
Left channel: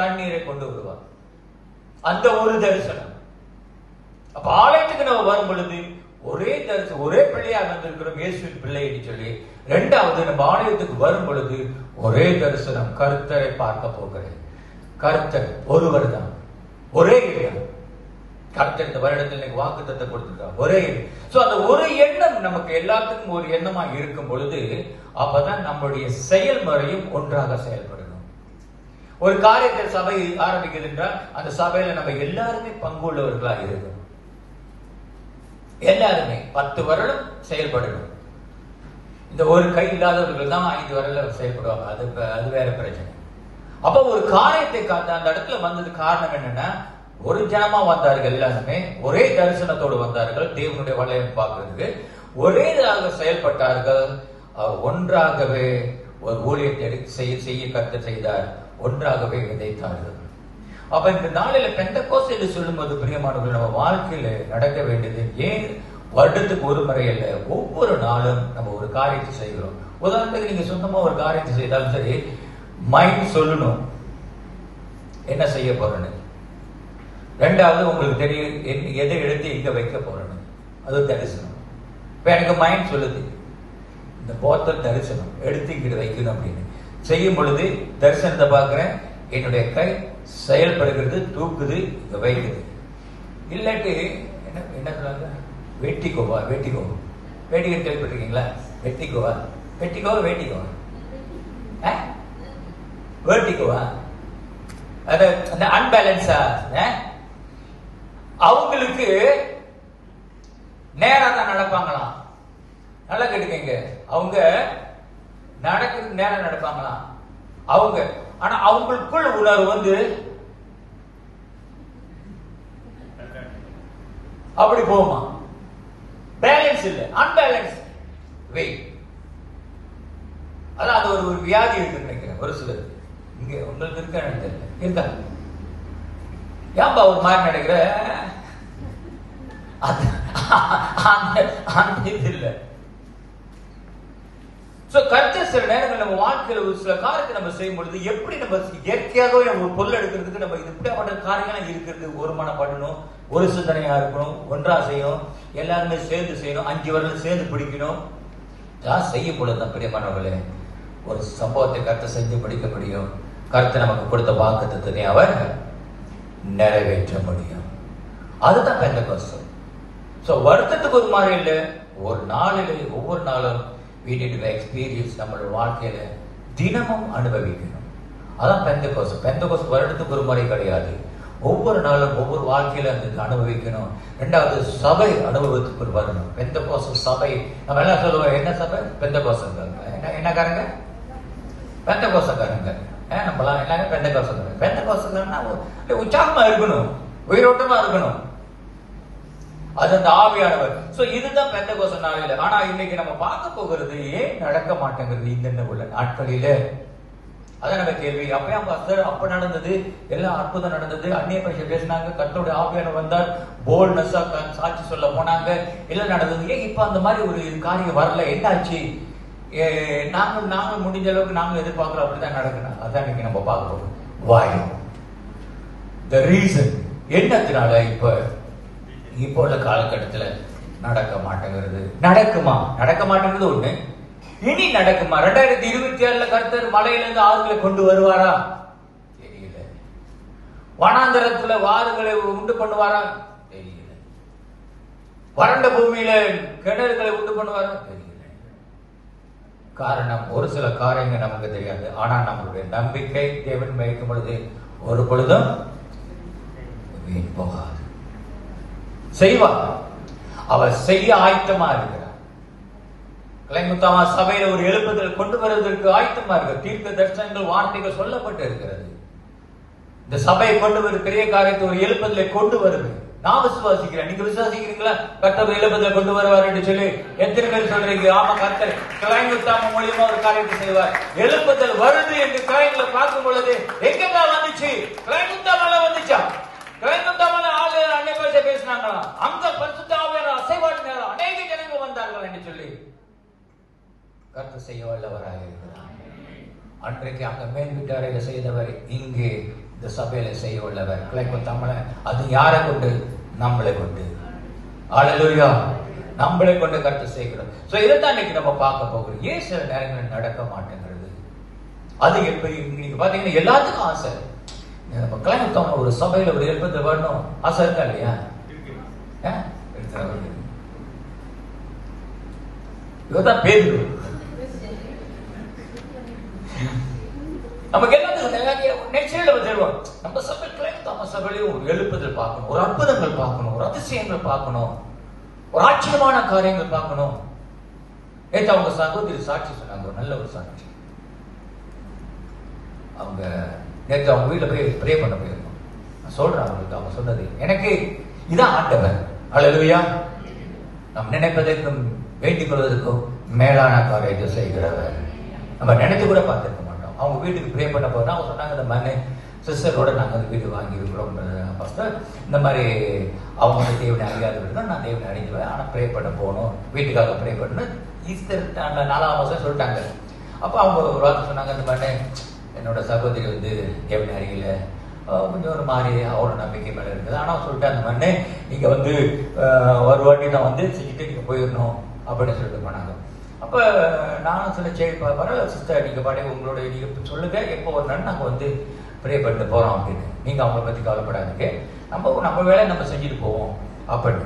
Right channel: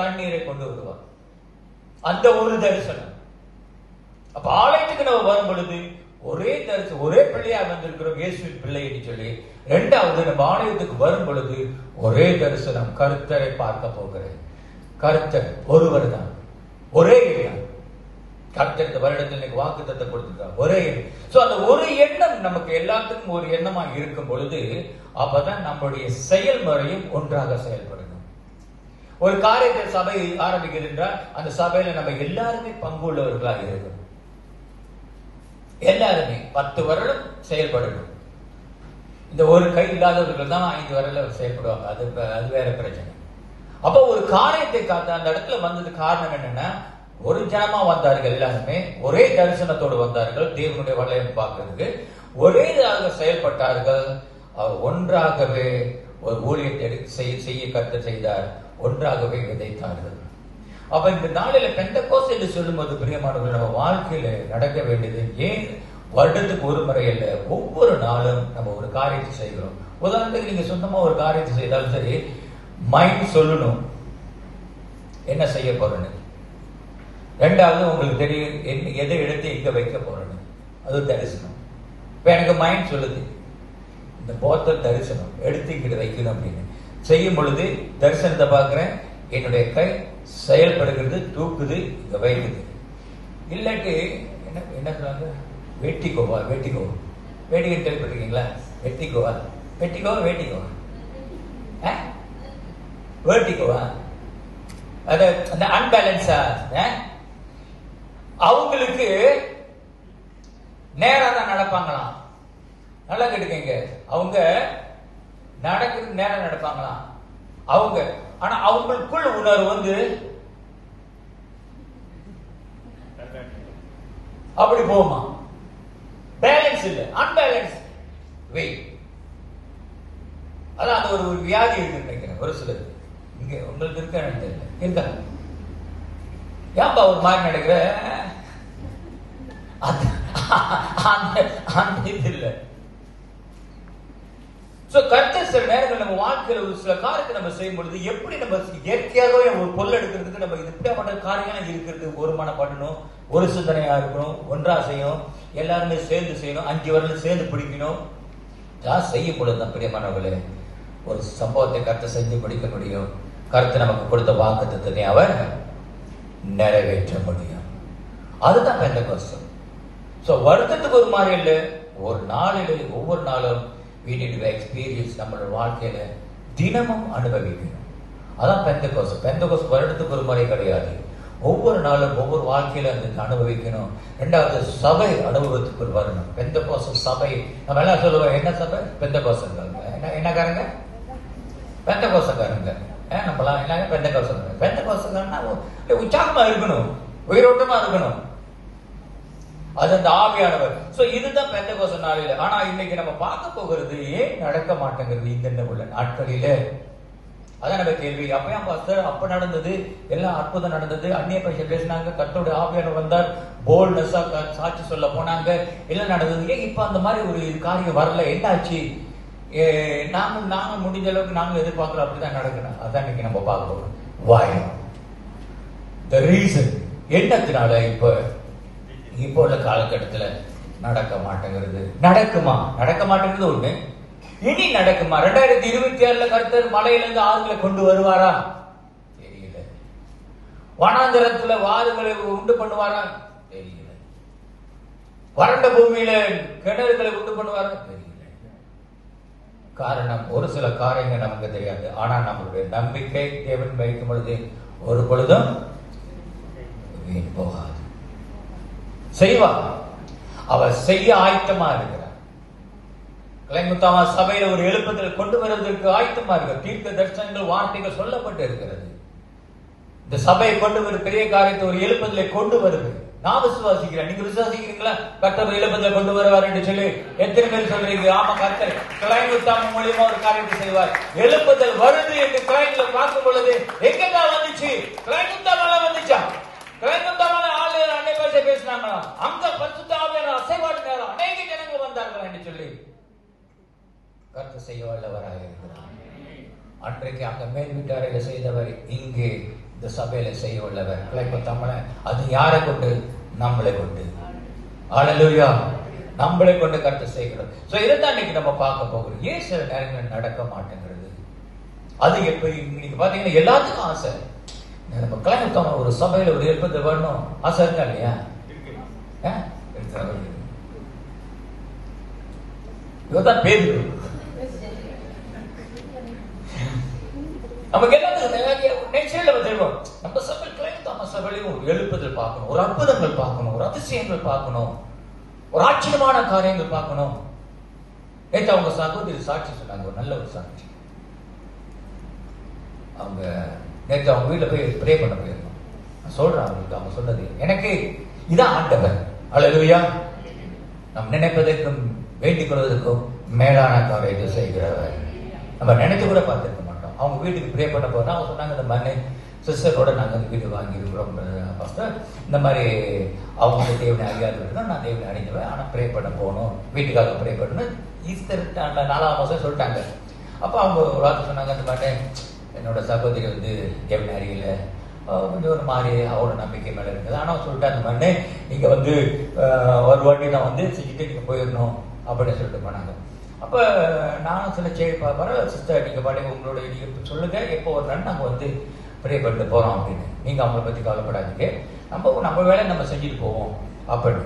தண்ணீரை கொண்டு வருவார். அந்த ஒரு தரிசனம். அப்ப ஆலயத்துக்கு நம்ம வரும் பொழுது ஒரே தரிசனம், ஒரே பிள்ளையாக வந்திருக்கிறோம், இயேசுவின் பிள்ளை என்று சொல்லி. இரண்டாவது, நம்ம ஆலயத்துக்கு வரும் பொழுது ஒரே தரிசனம், கர்த்தரை பார்க்க போகிறேன். கர்த்தர் ஒருவர் தான், ஒரே இடம். கர்த்தர் இந்த வருடத்தில் வாக்குத்தத்தை கொடுத்திருக்கார், ஒரே எண்ணம். சோ அந்த ஒரு எண்ணம் நமக்கு எல்லாத்துக்கும் ஒரு எண்ணமா இருக்கும் பொழுது அப்பதான் நம்முடைய செயல்முறையும் ஒன்றாக செயல்படும். ஒரு காரியத்தை சபை ஆரம்பிக்கிறது என்றால் அந்த சபையில நம்ம எல்லாருமே பங்குள்ளவர்களாக இருக்கணும். எல்லாருமே 10 வருடம் செயல்படணும். இந்த ஒரு கை இல்லாதவர்கள் தான் 5 வருடம் செயல்படுவாங்க. அது வேற பிரச்சனை. அப்ப ஒரு காரியத்தை காத்த அந்த இடத்துல வந்தது காரணம் என்னன்னா, ஒரு ஜனமா வந்தார்கள், எல்லாருமே ஒரே தரிசனத்தோடு வந்தார்கள், தேவனுடைய வளையம் பார்க்கிறதுக்கு ஒரே செயல்பட்டார்கள். அவர் ஒன்றாகவே ஒரு ஊழியத்தை செய்ய கர்த்தர் செய்தார், ஒன்றாகவே விதைத்தார்கள். அப்ப இந்த நாளில பெந்தெகோஸ்து என்று சொல்லும்போது பிரியமானவர்கள், நம்ம வாழ்க்கையில நடக்க வேண்டியது ஏன் வருடத்துக்கு ஒரு முறை இல்ல, ஒவ்வொரு நாளும் நம்ம ஒரு காரியத்தை செய்கிறோம். உதாரணத்துக்கு நீங்க சொந்தமா ஒரு காரியத்தை செய்தாலும் சரி, மைண்ட் சொல்லணும் என்ன செய்ய போறேன்னு. ரெண்டாவது உங்களுக்கு தெரியும் எதை எடுத்து இங்க வைக்க போறேன்னு, அது தரிசனம். இப்ப எனக்கு மைண்ட் சொல்லுது இந்த போத்தல் தரிசனம் எடுத்து இங்கிட்டு வைக்கணும் அப்படின்னு. செய்யும் பொழுது தரிசனத்தை பார்க்கிறேன், என்னுடைய கை செயல்படுகிறது, தூக்குது, இங்க வைக்குது. இல்லாட்டி என்ன சொன்னாங்க, வெட்டிக்கோவா வெட்டிக்கோ, வேட்டிக்கை கேள்விப்பட்டிருக்கீங்களா? வெட்டிக்கோவா வெட்டிக்கோவா வேட்டிக்கோவா வேட்டிக்கோவா, அது அந்த அன்பேலன்ஸா அவங்களுக்கு நேரா தான் நடப்பாங்களாம். நல்லா கேட்டுக்கங்க, அவங்க நடக்கிறது நேரம் நடப்பாங்களாம் அவங்க. ஆனா அவங்களுக்குள்ள உணர்வு வந்து அப்படி போகுமா, பேலன்ஸ் இல்ல, அன்பேலன்ஸ் வே. அதான் அது ஒரு வியாதி இருக்கு நினைக்கிறேன் ஒரு சிலர். இங்க உங்களுக்கு இருக்க இருக்கா? ஏன்பா ஒரு மாதிரி நடக்கிற இது இல்ல. கர்த்தர் சில நேரங்கள் நம்ம வாழ்க்கையில ஒரு சில காரியத்தை நம்ம செய்யும் பொழுது எப்படி நம்ம இயற்கையாகவே ஒரு பொருள் எடுக்கிறதுக்கு நம்ம இப்படிப்பட்ட காரியங்கள் இருக்கிறது, ஒரு மனப்படணும், ஒரு சிந்தனையா இருக்கணும், ஒன்றா செய்யணும், எல்லாருமே சேர்ந்து செய்யணும், 5 வருடம் சேர்ந்து பிடிக்கணும். செய்யும் பொழுது தான் பிரியமானவர்களே ஒரு சம்பவத்தை கர்த்தர் செஞ்சு பிடிக்க முடியும். கர்த்தர் நமக்கு கொடுத்த வாக்குத்தத்தத்தை அவர் நிறைவேற்ற முடியும். அதுதான் பெந்தெகோஸ்து. வருத்தத்துக்கு ஒரு மாதிரி இல்லை, ஒரு நாளில் ஒவ்வொரு நாளும் we need to experience நம்மளோட வாழ்க்கையில தினமும் அனுபவிக்கணும். அதான் பெந்தெகோஸ்து. பெந்தெகோஸ்து வருடத்துக்கு ஒரு முறை கிடையாது, ஒவ்வொரு நாளும் ஒவ்வொரு வாழ்க்கையில அதுக்கு அனுபவிக்கணும். ரெண்டாவது சபை அனுபவத்துக்கு வரணும். பெந்தெகோஸ்து சபை நம்ம எல்லாம் சொல்லுவோம், என்ன சபை? பெந்தெகோஸ்துக்காரங்க. என்னக்காரங்க? பெந்தெகோஸ்துக்காரங்க. நம்மளாம் என்னங்க பெந்தெகோஸ்துக்காரங்க. பெந்தெகோஸ்துக்காரன்னா உற்சாகமா இருக்கணும், உயிரோட்டமா இருக்கணும், அது அந்த ஆவியானவர். இதுதான் பெந்தெகோஸ்து நாளில. ஆனா இன்னைக்கு நம்ம பார்க்க போகிறது ஏன் நடக்க மாட்டேங்கிறது இந்த உள்ள நாட்களில. அதான் நம்ம கேள்வி. அப்பயா பாஸ்டர் அப்ப நடந்தது, எல்லாம் அற்புதம் நடந்தது, அந்நிய பாஷை பேசினாங்க, கர்த்தருடைய ஆவியானவர் வந்தார், போல்ட்னஸா சாட்சி சொல்ல போனாங்க, எல்லாம் நடந்தது. ஏன் இப்ப அந்த மாதிரி ஒரு காரியம் வரல, என்னாச்சு? நாங்க முடிஞ்ச அளவுக்கு நாங்க எதிர்பார்க்கிறோம், அப்படிதான் நடக்கணும். அதான் இன்னைக்கு நம்ம பார்க்க போறோம். Why? The reason. என்னத்தினால இப்போ உள்ள காலகட்டத்துல நடக்க மாட்டேங்கிறது? நடக்குமா? நடக்க மாட்டேங்கிறது ஒண்ணு. இனி நடக்குமா? 2026 கர்த்தர் மலையிலிருந்து ஆறுகளை கொண்டு வருவாரா? தெரியல. வனாந்தரத்துல வாறுகளை உண்டு பண்ணுவாரா? தெரியல. வறண்ட பூமியில கிணறுகளை உண்டு பண்ணுவாரா? தெரியல. காரணம், ஒரு சில காரியங்கள் நமக்கு தெரியாது. ஆனா நம்மளுடைய நம்பிக்கை தேவன் வைக்கும் பொழுது ஒரு பொழுதும் வீண் போகாது. செய்வார், அவர் செய்ய ஆயத்தமா இருக்கிறார். கலைமுத்தாமா சபையில ஒரு எழுப்புதல் கொண்டு வருவதற்கு ஆயத்தமா இருக்கு. தீர்க்க தரிசனங்கள் வார்த்தைகள் சொல்லப்பட்டு இருக்கிறது. இந்த சபையை கொண்டு வரும் பெரிய காரியத்தை ஒரு எழுப்புதலை கொண்டு வருது. நான் விசுவாசிக்கிறேன். நீங்க விசுவாசிக்கிறீங்களா? கர்த்தர் எழுப்புதலை கொண்டு வருவார் என்று சொல்லி எத்தனை பேர் சொல்றீங்க? ஆமா, கர்த்தர் கலைமுத்தாமா மூலியமா ஒரு காரியத்தை செய்வார். எழுப்புதல் வருது என்று கலைஞர்ல பார்க்கும் பொழுது எங்கெங்க வந்துச்சு? கலைமுத்தாமால வந்துச்சா? கலைமுத்தாமால ஆளு அன்னை பேச பேசினாங்களா? அங்க பரிசுத்த ஆவியானவர் அசைவாடினாரா? அநேக ஜனங்கள் வந்தார்கள் என்று சொல்லி கர்த்தர் செய்ய வல்லவராக இருக்கிறார். அன்றைக்கு அங்க மேல் வீட்டாரையில செய்தவர் இங்கே இந்த சபையில செய்ய உள்ளவர். கலைமுத்தாமால அது யாரை கொண்டு? நம்மளை கொண்டு. அல்லேலூயா. நம்மளை கொண்டு கர்த்தர் செய்கிறோம். இதைத்தான் இன்னைக்கு நம்ம பார்க்க போகிறோம். ஏன் சில நேரங்கள் நடக்க மாட்டேங்கிறது? அது எப்படி? நீங்க பாத்தீங்கன்னா எல்லாத்துக்கும் ஆசை. நம்ம கலைமுத்தாம ஒரு சபையில ஒரு எழுப்பது வரணும் ஆசை இருக்கா இல்லையா? இவதான் பேரு. நமக்கு எல்லாத்துக்கும் நம்ம சபை கலைமுத்தாம சபையிலையும் ஒரு எழுப்புதல் பார்க்கணும், ஒரு அற்புதங்கள் பார்க்கணும், ஒரு அதிசயங்கள் பார்க்கணும், ஒரு ஆச்சரியமான காரியங்கள் பார்க்கணும். நேற்று அவங்க சகோதரி சாட்சி சொன்னாங்க, நல்ல ஒரு சாட்சி. அவங்க நேற்று அவங்க வீட்டில் போய் ப்ரே பண்ண போயிருந்தோம். நான் சொல்றேன் அவங்களுக்கு, அவங்க சொன்னது எனக்கு இதான் ஆண்டவர். அல்லேலூயா. நாம் நினைப்பதற்கும் வேண்டிக் கொள்வதற்கும் மேலான காரியத்தை செய்கிறவர். நம்ம நினைச்சு கூட பார்த்துருக்க மாட்டோம். அவங்க வீட்டுக்கு ப்ரே பண்ண போனா அவங்க சொன்னாங்க, இந்த மாதிரி சிஸ்டரோட நாங்கள் வீடு வாங்கி இருக்கிறோம் பாஸ்டர், இந்த மாதிரி அவங்க தேவனை அறியாது விட்டுனா நான் தேவனை அடைஞ்சுவேன், ஆனால் ப்ரே பண்ண போகணும், வீட்டுக்காக ப்ரே பண்ணணும். ஈஸ்டர் 4ஆம் மாதம் சொல்லிட்டாங்க. அப்போ அவங்க ஒரு வார்த்தை சொன்னாங்க, இந்த மாதிரி என்னோட சகோதரி வந்து தேவனை அறியல, கொஞ்சம் ஒரு மாதிரி அவரோட நம்பிக்கை மேலே இருக்குது. ஆனால் சொல்லிட்டு அந்த மாதிரி நீங்கள் வந்து ஒரு வாட்டி நான் வந்து செஞ்சுட்டு நீங்கள் போயிடணும் அப்படின்னு சொல்லிட்டு போனாங்க. அப்போ நானும் சொல்ல, சரி பரவாயில்ல சிஸ்டர், நீங்கள் பாடி உங்களோட நீங்கள் சொல்லுங்க, எப்போ ஒரு நாள் நாங்கள் வந்து ப்ரே பண்ணிட்டு போகிறோம் அப்படின்னு, நீங்கள் அவங்கள பற்றி கவலைப்படாதீங்க, நம்ம வேலை நம்ம செஞ்சுட்டு போவோம் அப்படின்னு.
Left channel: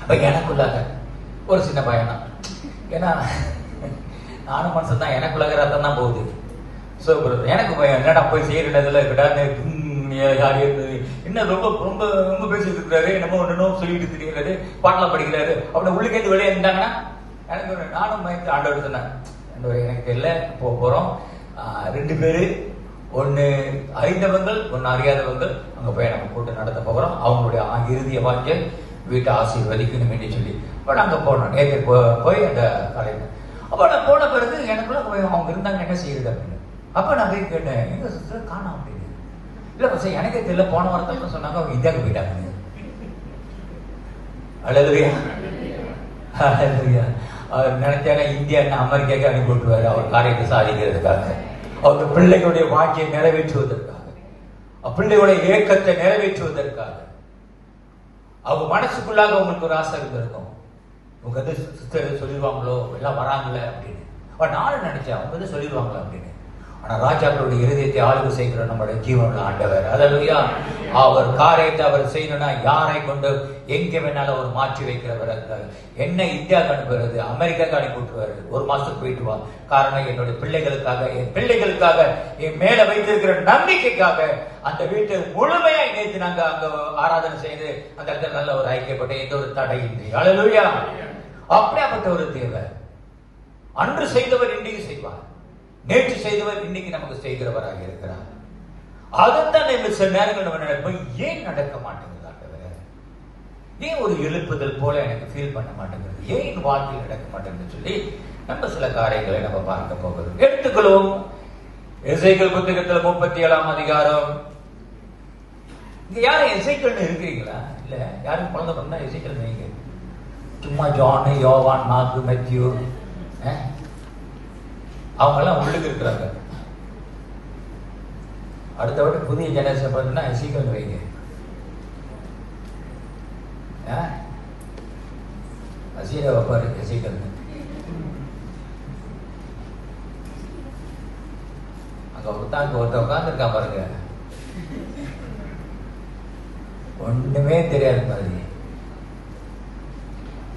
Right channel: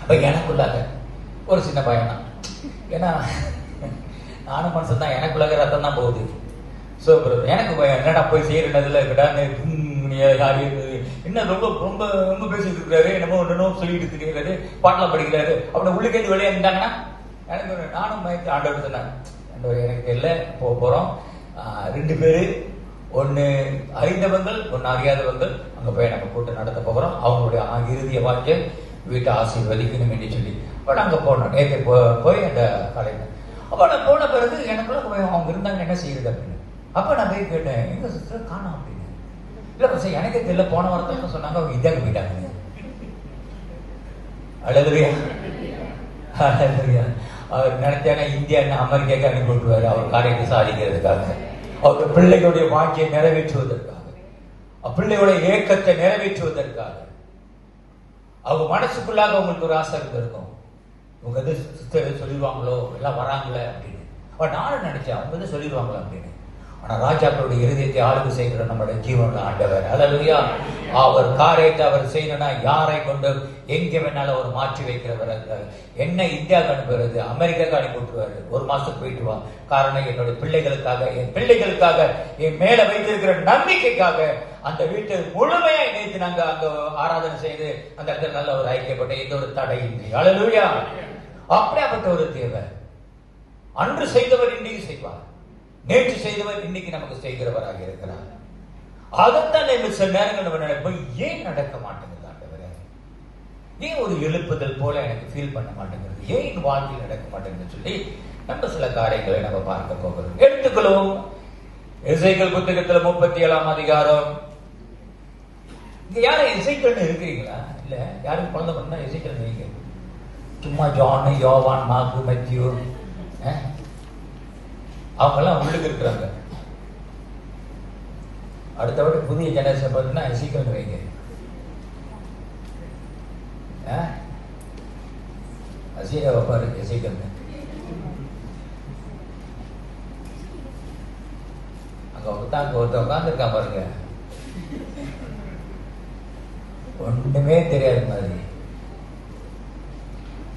அப்போ எனக்குள்ளாக ஒரு சின்ன பயம் தான். ஏன்னா நானும் மனசு தான், எனக்குள்ளாக ரத்தம் தான் போகுது. ஸோ எனக்கு பயம், என்னடா போய் செய்யறதுல விடாது என்ன ரொம்ப ரொம்ப ரொம்ப பேசிட்டு இருக்கிறாரு, என்னமோ ஒன்றுனோ சொல்லிட்டு தெரியுறாரு, பாட்டெல்லாம் படிக்கிறாரு, அப்படி உள்ளுக்கேந்து வெளியே இருந்தாங்கன்னா எனக்கு நானும் மயத்து ஆண்டவர் சொன்னேன், எனக்கு எல்லாம் போக போகிறோம் 2 பேரு, ஒன்று அறிந்தவங்கள் ஒன்று அறியாதவங்கள், அங்கே போய் நம்ம கூட்டு நடத்த போகிறோம். அவங்களுடைய இறுதிய வாக்கியம் வீட்டை ஆசீர்வதிக்கணும் என்று சொல்லி அப்போ நாங்கள் போனோம். நேற்று போய் அந்த கலைஞர் அப்போ நான் போன பிறகு எனக்குள்ள அவங்க இருந்தாங்க என்ன செய்யுது அப்படின்னு. அப்போ நான் போய் கேட்டேன், எங்க சிஸ்டர் காணோம் அப்படின்னு. இல்லை பசங்க எனக்கே தெரியல, போன வாரத்தான் சொன்னாங்க அவங்க இந்தியாவுக்கு போயிட்டாங்க. அல்லேலூயா. அல்லேலூயா. அவர் நினைச்சாங்க இந்தியா அமெரிக்காவுக்கு அனுப்பி விட்டுருவாரு அவர் காரியத்தை சாதிக்கிறதுக்காக, அவருடைய பிள்ளைகளுடைய வாக்கியை நிறைவேற்றுவதற்காக, பிள்ளைகளுடைய ஏக்கத்தை நிறைவேற்றுவதற்காக. அவங்க மனசுக்குள்ளாக உங்களுக்கு ஒரு ஆசை இருந்திருக்கும், உங்க வந்து சிஸ்டர் சொல்லிடுவாங்களோ எல்லாம் வராங்களே அப்படின்னு. நானும் நினைச்சேன் அவங்க வந்து சொல்லிடுவாங்களா அப்படின்னு. ஆனா ராஜாக்களுடைய இருதயத்தை ஆளுகை செய்கிற நம்முடைய ஜீவனுள்ள ஆண்டவர். அல்லேலூயா. அவர் காரியத்தை அவர் செய்யணும்னா யாரை கொண்டு எங்கே வேணாலும் அவர் மாற்றி வைக்கிறவர். என்ன இந்தியாவுக்கு அனுப்புறது, அமெரிக்காவுக்கு அனுப்பி விட்டுருவாரு, 1 மாசத்துக்கு போயிட்டு வா. காரணம் என்னுடைய பிள்ளைகளுக்காக, என் பிள்ளைகளுக்காக, என் மேல வைத்திருக்கிற நம்பிக்கைக்காக அந்த வீட்டை முழுமையா நேற்று நாங்க அங்க ஆராதனை செய்து அந்த இடத்துல நல்ல ஒரு ஐக்கியப்பட்ட எந்த ஒரு தடையின்றி. அல்லேலூயா. அப்படியாப்பட்ட ஒரு தேவை. அன்று செய்தவர் இன்றைக்கு செய்வார், நேற்று செய்தவர் இன்னைக்கு நமக்கு செய்கிறவராக இருக்கிறார். அதைத்தான் சில நேரங்கள் நம்ம நினைப்போம், ஏன் நடக்க மாட்டேங்குது, ஏன் ஒரு எழுப்புதல் போல எனக்கு ஃபீல் பண்ண மாட்டேங்கிறது, ஏன் வாழ்க்கையில் நடக்க மாட்டேங்குதுன்னு சொல்லி நம்ம சில காரியங்களை நம்ம பார்க்க போகிறோம். எடுத்துக்கொள்வோம் எசேக்கியேல் புத்தகத்தில் 37ஆம் அதிகாரம். இங்க யாரும் எசேக்கியேல் இருக்கிறீங்களா? இல்ல யாரும் குழந்தை பண்ணா எசேக்கியேல் நீங்க சும்மா ஜான், யோவான், மார்க்கு, மேத்யூ அவங்க எல்லாம் உள்ளுக்கு இருக்கிறாங்க. அடுத்தபடி புதிய ஜெனரேஷன் பார்த்தீங்கன்னா எசேக்கியேல் வைங்க. அசீரா பாரு எசேக்கியேல் அங்க ஒருத்தன் உட்காந்துருக்கான் பாருங்க, ஒண்ணுமே தெரியாது மாதிரி.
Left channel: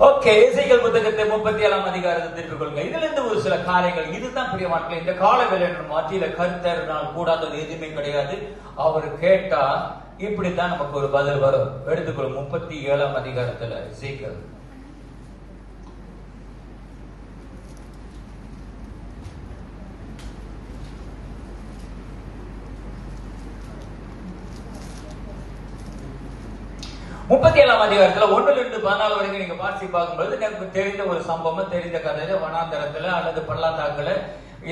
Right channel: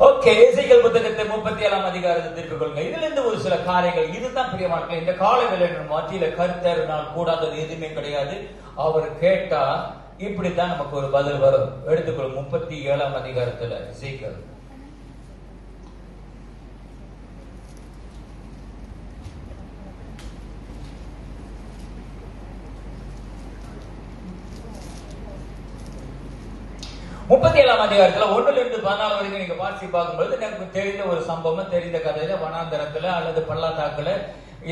ஓகே, எசேக்கியேல் புத்தகத்தை 37ஆம் அதிகாரத்தை திருப்பிக் கொள்ளுங்க. இதுல இருந்து ஒரு சில காரியங்கள், இதுதான் பிரியமானவர்களே, இந்த கால வேளையில மத்தியில கர்த்தர் கூடாதது எதுவுமே கிடையாது. அவர் கேட்டா இப்படித்தான் நமக்கு ஒரு பதில் வரும். எடுத்துக்கொள்ளும் 37ஆம் அதிகாரத்துல எசேக்கியேல். முப்பத்தேழாம் அதிகாரத்துல 1-14 வரைக்கும் நீங்க வாசி பார்க்கும்போது எனக்கு தெரிந்த ஒரு சம்பவம், தெரிந்த கதையில வனாந்தரத்துல அல்லது பள்ளத்தாக்குல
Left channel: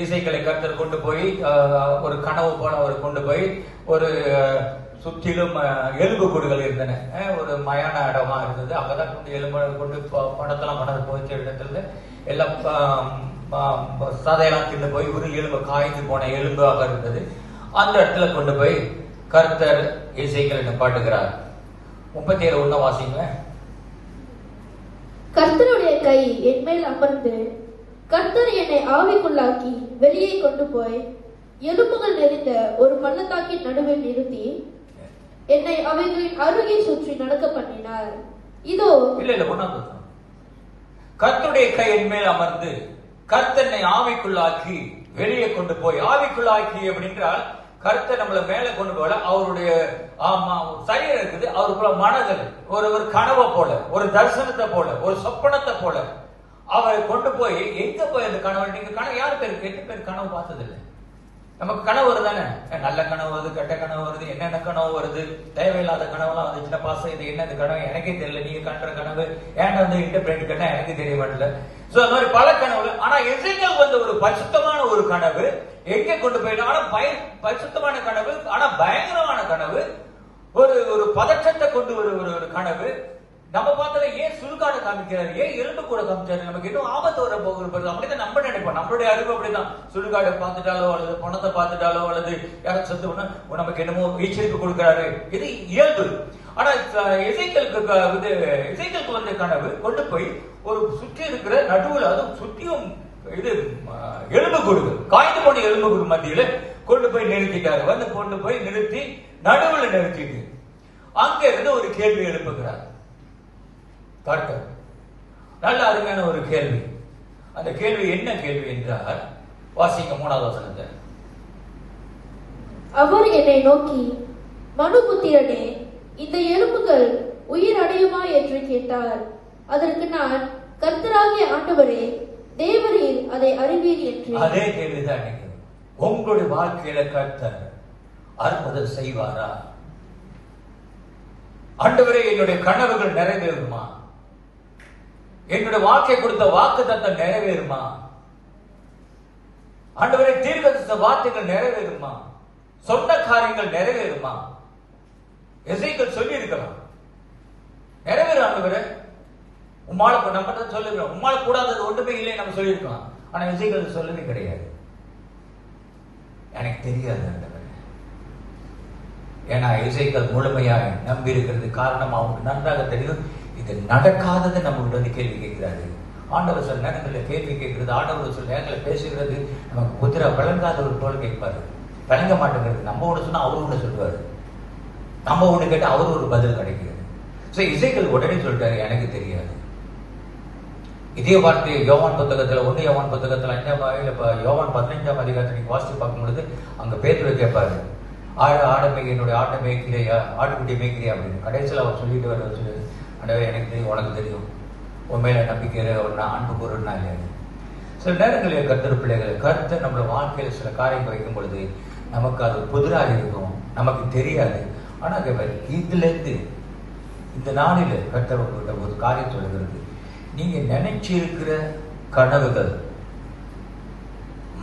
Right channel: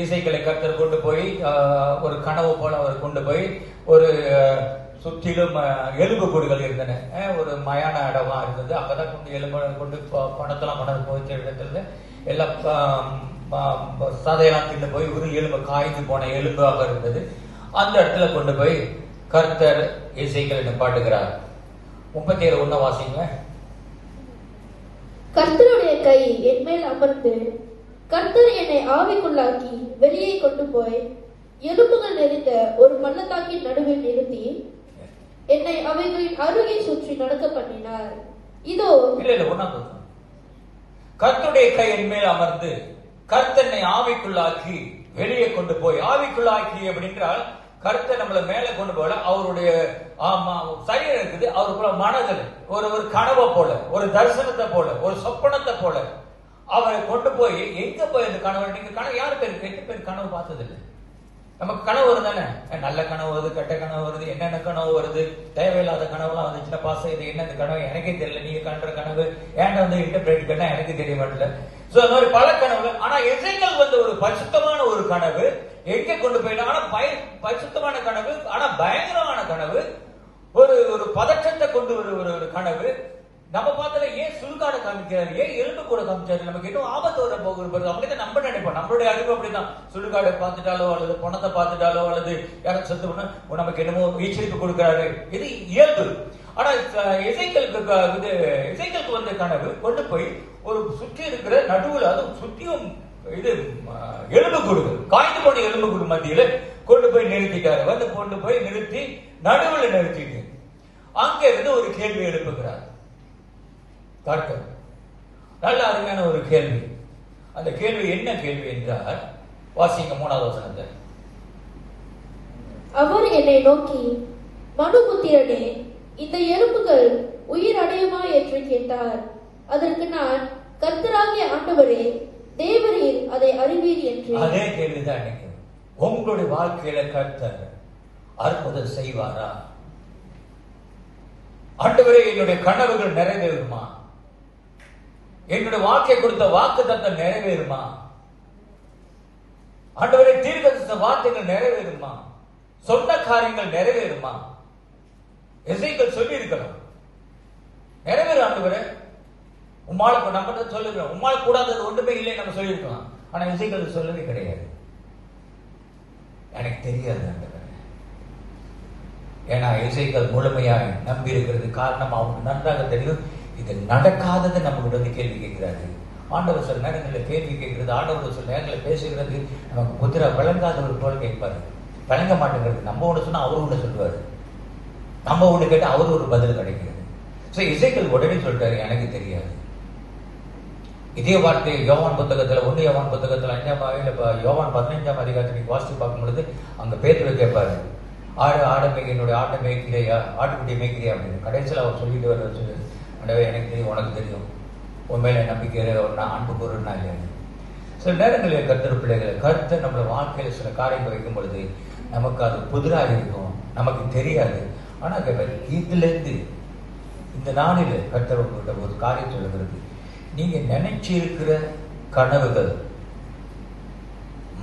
இசைக்களை கர்த்தர் கொண்டு போய் ஒரு கனவு போல அவர் கொண்டு போய் ஒரு சுற்றிலும் எலும்பு கூடுகள் இருந்தன, ஒரு மயான இடமா இருந்தது. அங்கதான் கொண்டு எலும்பு கொண்டு பணத்தெல்லாம் கொண்டு போய்ச்ச இடத்துல எல்லாம் சதையெல்லாம் தின்னு போய் ஒரு எலும்பு காய்ந்து போன எலும்பாக இருந்தது. அந்த இடத்துல கொண்டு போய் கர்த்தர் இசைக்களை நிப்பாட்டுகிறார். 37 வாசிங்க. கர்த்தருடைய கை என் மேல் அமர்ந்து கர்த்தர் என்னை ஆவிக்குள்ளாக்கி வெளியே கொண்டு போய் எலும்புகள் நிறைந்த ஒரு பள்ளத்தாக்கின் நடுவில் நிறுத்தி என்னை அவைகளின் அருகே சுற்றி நடக்க பண்ணினார். இதோ கர்த்தருடைய கை என் மேல் அமர்ந்து கர்த்தனை ஆவிக்குள்ளாக்கி வெளியே கொண்டு போய், ஆவிக்குள்ளாக்கி அப்படின்றால் கர்த்தர் நம்மள மேல கொண்டு போல அவருடைய சரீரம் இருக்குது, அவருக்குள்ள மனதில் ஒரு கனவை போல, ஒரு தரிசனத்தை போல, ஒரு சொப்பனத்தை போல அவரை கொண்டு போய் எங்க போய் அந்த கனவு, நீங்க கனவு யாரு பேர் 8 பேர் கனவு பார்த்ததில்லை. நமக்கு கனவு வருதானே, நல்ல கனவு வருது, கெட்ட கனவு வருது, என்னென்ன கனவு வருது, தேவையில்லாத கனவுலாம் வந்துச்சுன்னா பாசம் இது என்ன கனவு எனக்கே தெரியல, நீங்க கண்ற கனவு ஏன்டா வந்து இன்டர்பிரேட் பண்ண எனக்கு தெரிய மாட்டல. சோ அந்த மாதிரி பல கனவுகள். ஆனா எசேக்கியேல் வந்து ஒரு பரிசுத்தமான ஒரு கனவு எங்கே கொண்டு போயிடும், ஆனா பரிசுத்தமான கனவு, ஆனா பயங்கரமான கனவு, ஒரு பதற்றத்தை கொண்டு ஒரு கனவு. நம்ம பார்த்தா ஏன் சுடுகாடு காமிக்கிறாரு, ஏன் எலும்பு கூட காமிச்சாரு, நமக்கு இன்னும் ஆபத்து வர போகிறது அப்படிதான் நம்ம நினைப்போம். நம்மளுடைய அறிவு அப்படிதான். சுடுகாடு பார்த்துட்டாலோ அல்லது பணத்தை பார்த்துட்டாலோ அல்லது யாரும் செத்து பண்ணா நமக்கு என்னமோ எச்சரிப்பு கொடுக்கிறாரு, இது இயல்பு. ஆனா எசேக்கியேலுக்கு வந்த கனவு கொண்டு போய் ஒரு சுற்றி இருக்கிற நடுவுல, அது சுற்றியும் இது எலும்பு கூடு, காய்ந்து போன எலும்பு கூடு மத்தியில கொண்டு போய் நிறுத்திட்டாரு. வந்து கொண்டு போய் நிறுத்தி நடுவுல நிறுத்திட்டு அங்க இருந்து ஒரு கேள்வி எழுப்புகிறார். கர்த்தர் நல்ல அருமையான ஒரு கேள்வி. அந்த கேள்வி என்ன கேள்வி என்றால், வாசிங்க 3வது வசனத்தை. அவர் என்னை நோக்கி, மனுபுத்திரனே, இந்த எலும்புகள் உயிர் அடையுமா என்று கேட்டார். அதற்கு நான், கர்த்தராகிய ஆண்டவரே, தேவரீர் அதை அறிவீர் என்று. அதே கேள்விதான் உங்களுடைய வாழ்க்கையில கர்த்தர் அற்புதம் செய்வாரா? ஆண்டவரே, என்னுடைய கனவுகள் நிறைவேறுமா? என்னுடைய வாழ்க்கை கொடுத்த வாக்குத்தத்தம் நிறைவேறுமா? ஆண்டவரே, தீர்க்கதரிசன வார்த்தைகள் நிறைவேறுமா? சொன்ன காரியங்கள் நிறைவேறுமா? எசேக்கியேல் சொல்லி இருக்கலாம், நிறைவேறும் ஆண்டவரே. உம்மால நம்ம சொல்லுகிறோம், உம்மால கூடாதது ஒன்றுமே இல்லை நம்ம சொல்லியிருக்கலாம். ஆனா எசேக்கியேல் சொல்லவே கிடையாது, எனக்கு தெரியாது ஆண்டவரே. ஏன்னா எசேக்கியேல் முழுமையாக நம்பி இருக்கிறது காரணம் அவனுக்கு நன்றாக தெரியும் இது நடக்காதது. நம்ம உடனே கேள்வி கேட்கிறாரு. ஆண்டவர் சில நேரங்களில் கேள்வி கேட்கிறது, ஆண்டவர் சில நேரங்களில் பேசுகிறது நமக்கு புத்திர விளங்காத ஒரு போல் கேட்பாரு, விளங்க மாட்டேங்கிறது. நம்ம ஒன்று சொன்னா அவரு ஒன்று சொல்லுவாரு, நம்ம ஒன்று கேட்டால் அவரு ஒரு பதில் கிடைக்கிறது. ஸோ எசேக்கியேல் உடனே சொல்லிட்டாரு, எனக்கு தெரியாது. இதே வார்த்தை யோவான் புத்தகத்துல 1 யோவான் புத்தகத்துல 5 யோவான் 15ஆம் அதிகாரத்தை நீங்க வாசித்து பார்க்கும் பொழுது அங்க பேதுரு கேட்பாரு, ஆடு என்னுடைய ஆட்டை மேய்க்கிறியா, ஆட்டுக்குட்டி மேய்க்கிறியா அப்படின்னு. கடைசியில் அவர் சொல்லிட்டு வர, எனக்கு தெரியும், உனக்கு தெரியும், உண்மையில நம்பிக்கை அன்பு கூறுனா இல்லையா. சில நேரங்களில் கர்த்தர் பிள்ளைகள், கர்த்தர் நம்மளோட வாழ்க்கையில சில காரியங்கள் வைக்கும் பொழுது நமக்கு அது புதிராக இருக்கும், நமக்கு தெரியாது. ஆனா இதுல இருந்து இந்த நாளில கர்த்தர் ஒரு காரியம் சொல்லுகிறது, நீங்க நினைச்சிருக்கிற கனவுகள்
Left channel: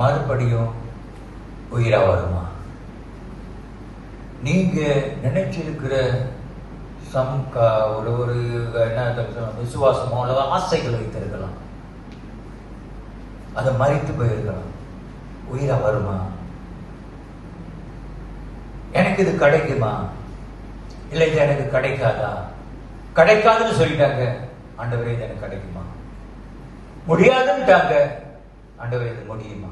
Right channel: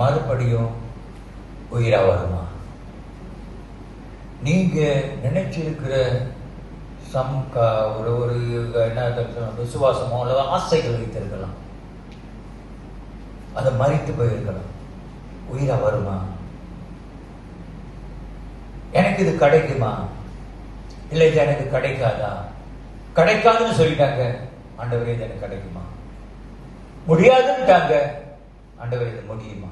மறுபடியும் உயிரா வருமா? நீங்க நினைச்சிருக்கிற ஒரு என்ன விசுவாசமோ அல்லது ஆசைகள் வைத்திருக்கலாம், அதை மறித்து போயிருக்கலாம், உயிரா வருமா? எனக்கு இது கிடைக்குமா, இல்லை இது எனக்கு கிடைக்காதா? கிடைக்காதுன்னு சொல்லிட்டாங்க, ஆண்டவரே இது எனக்கு கிடைக்குமா? முடியாதுன்னுட்டாங்க, ஆண்டவரே இது முடியுமா?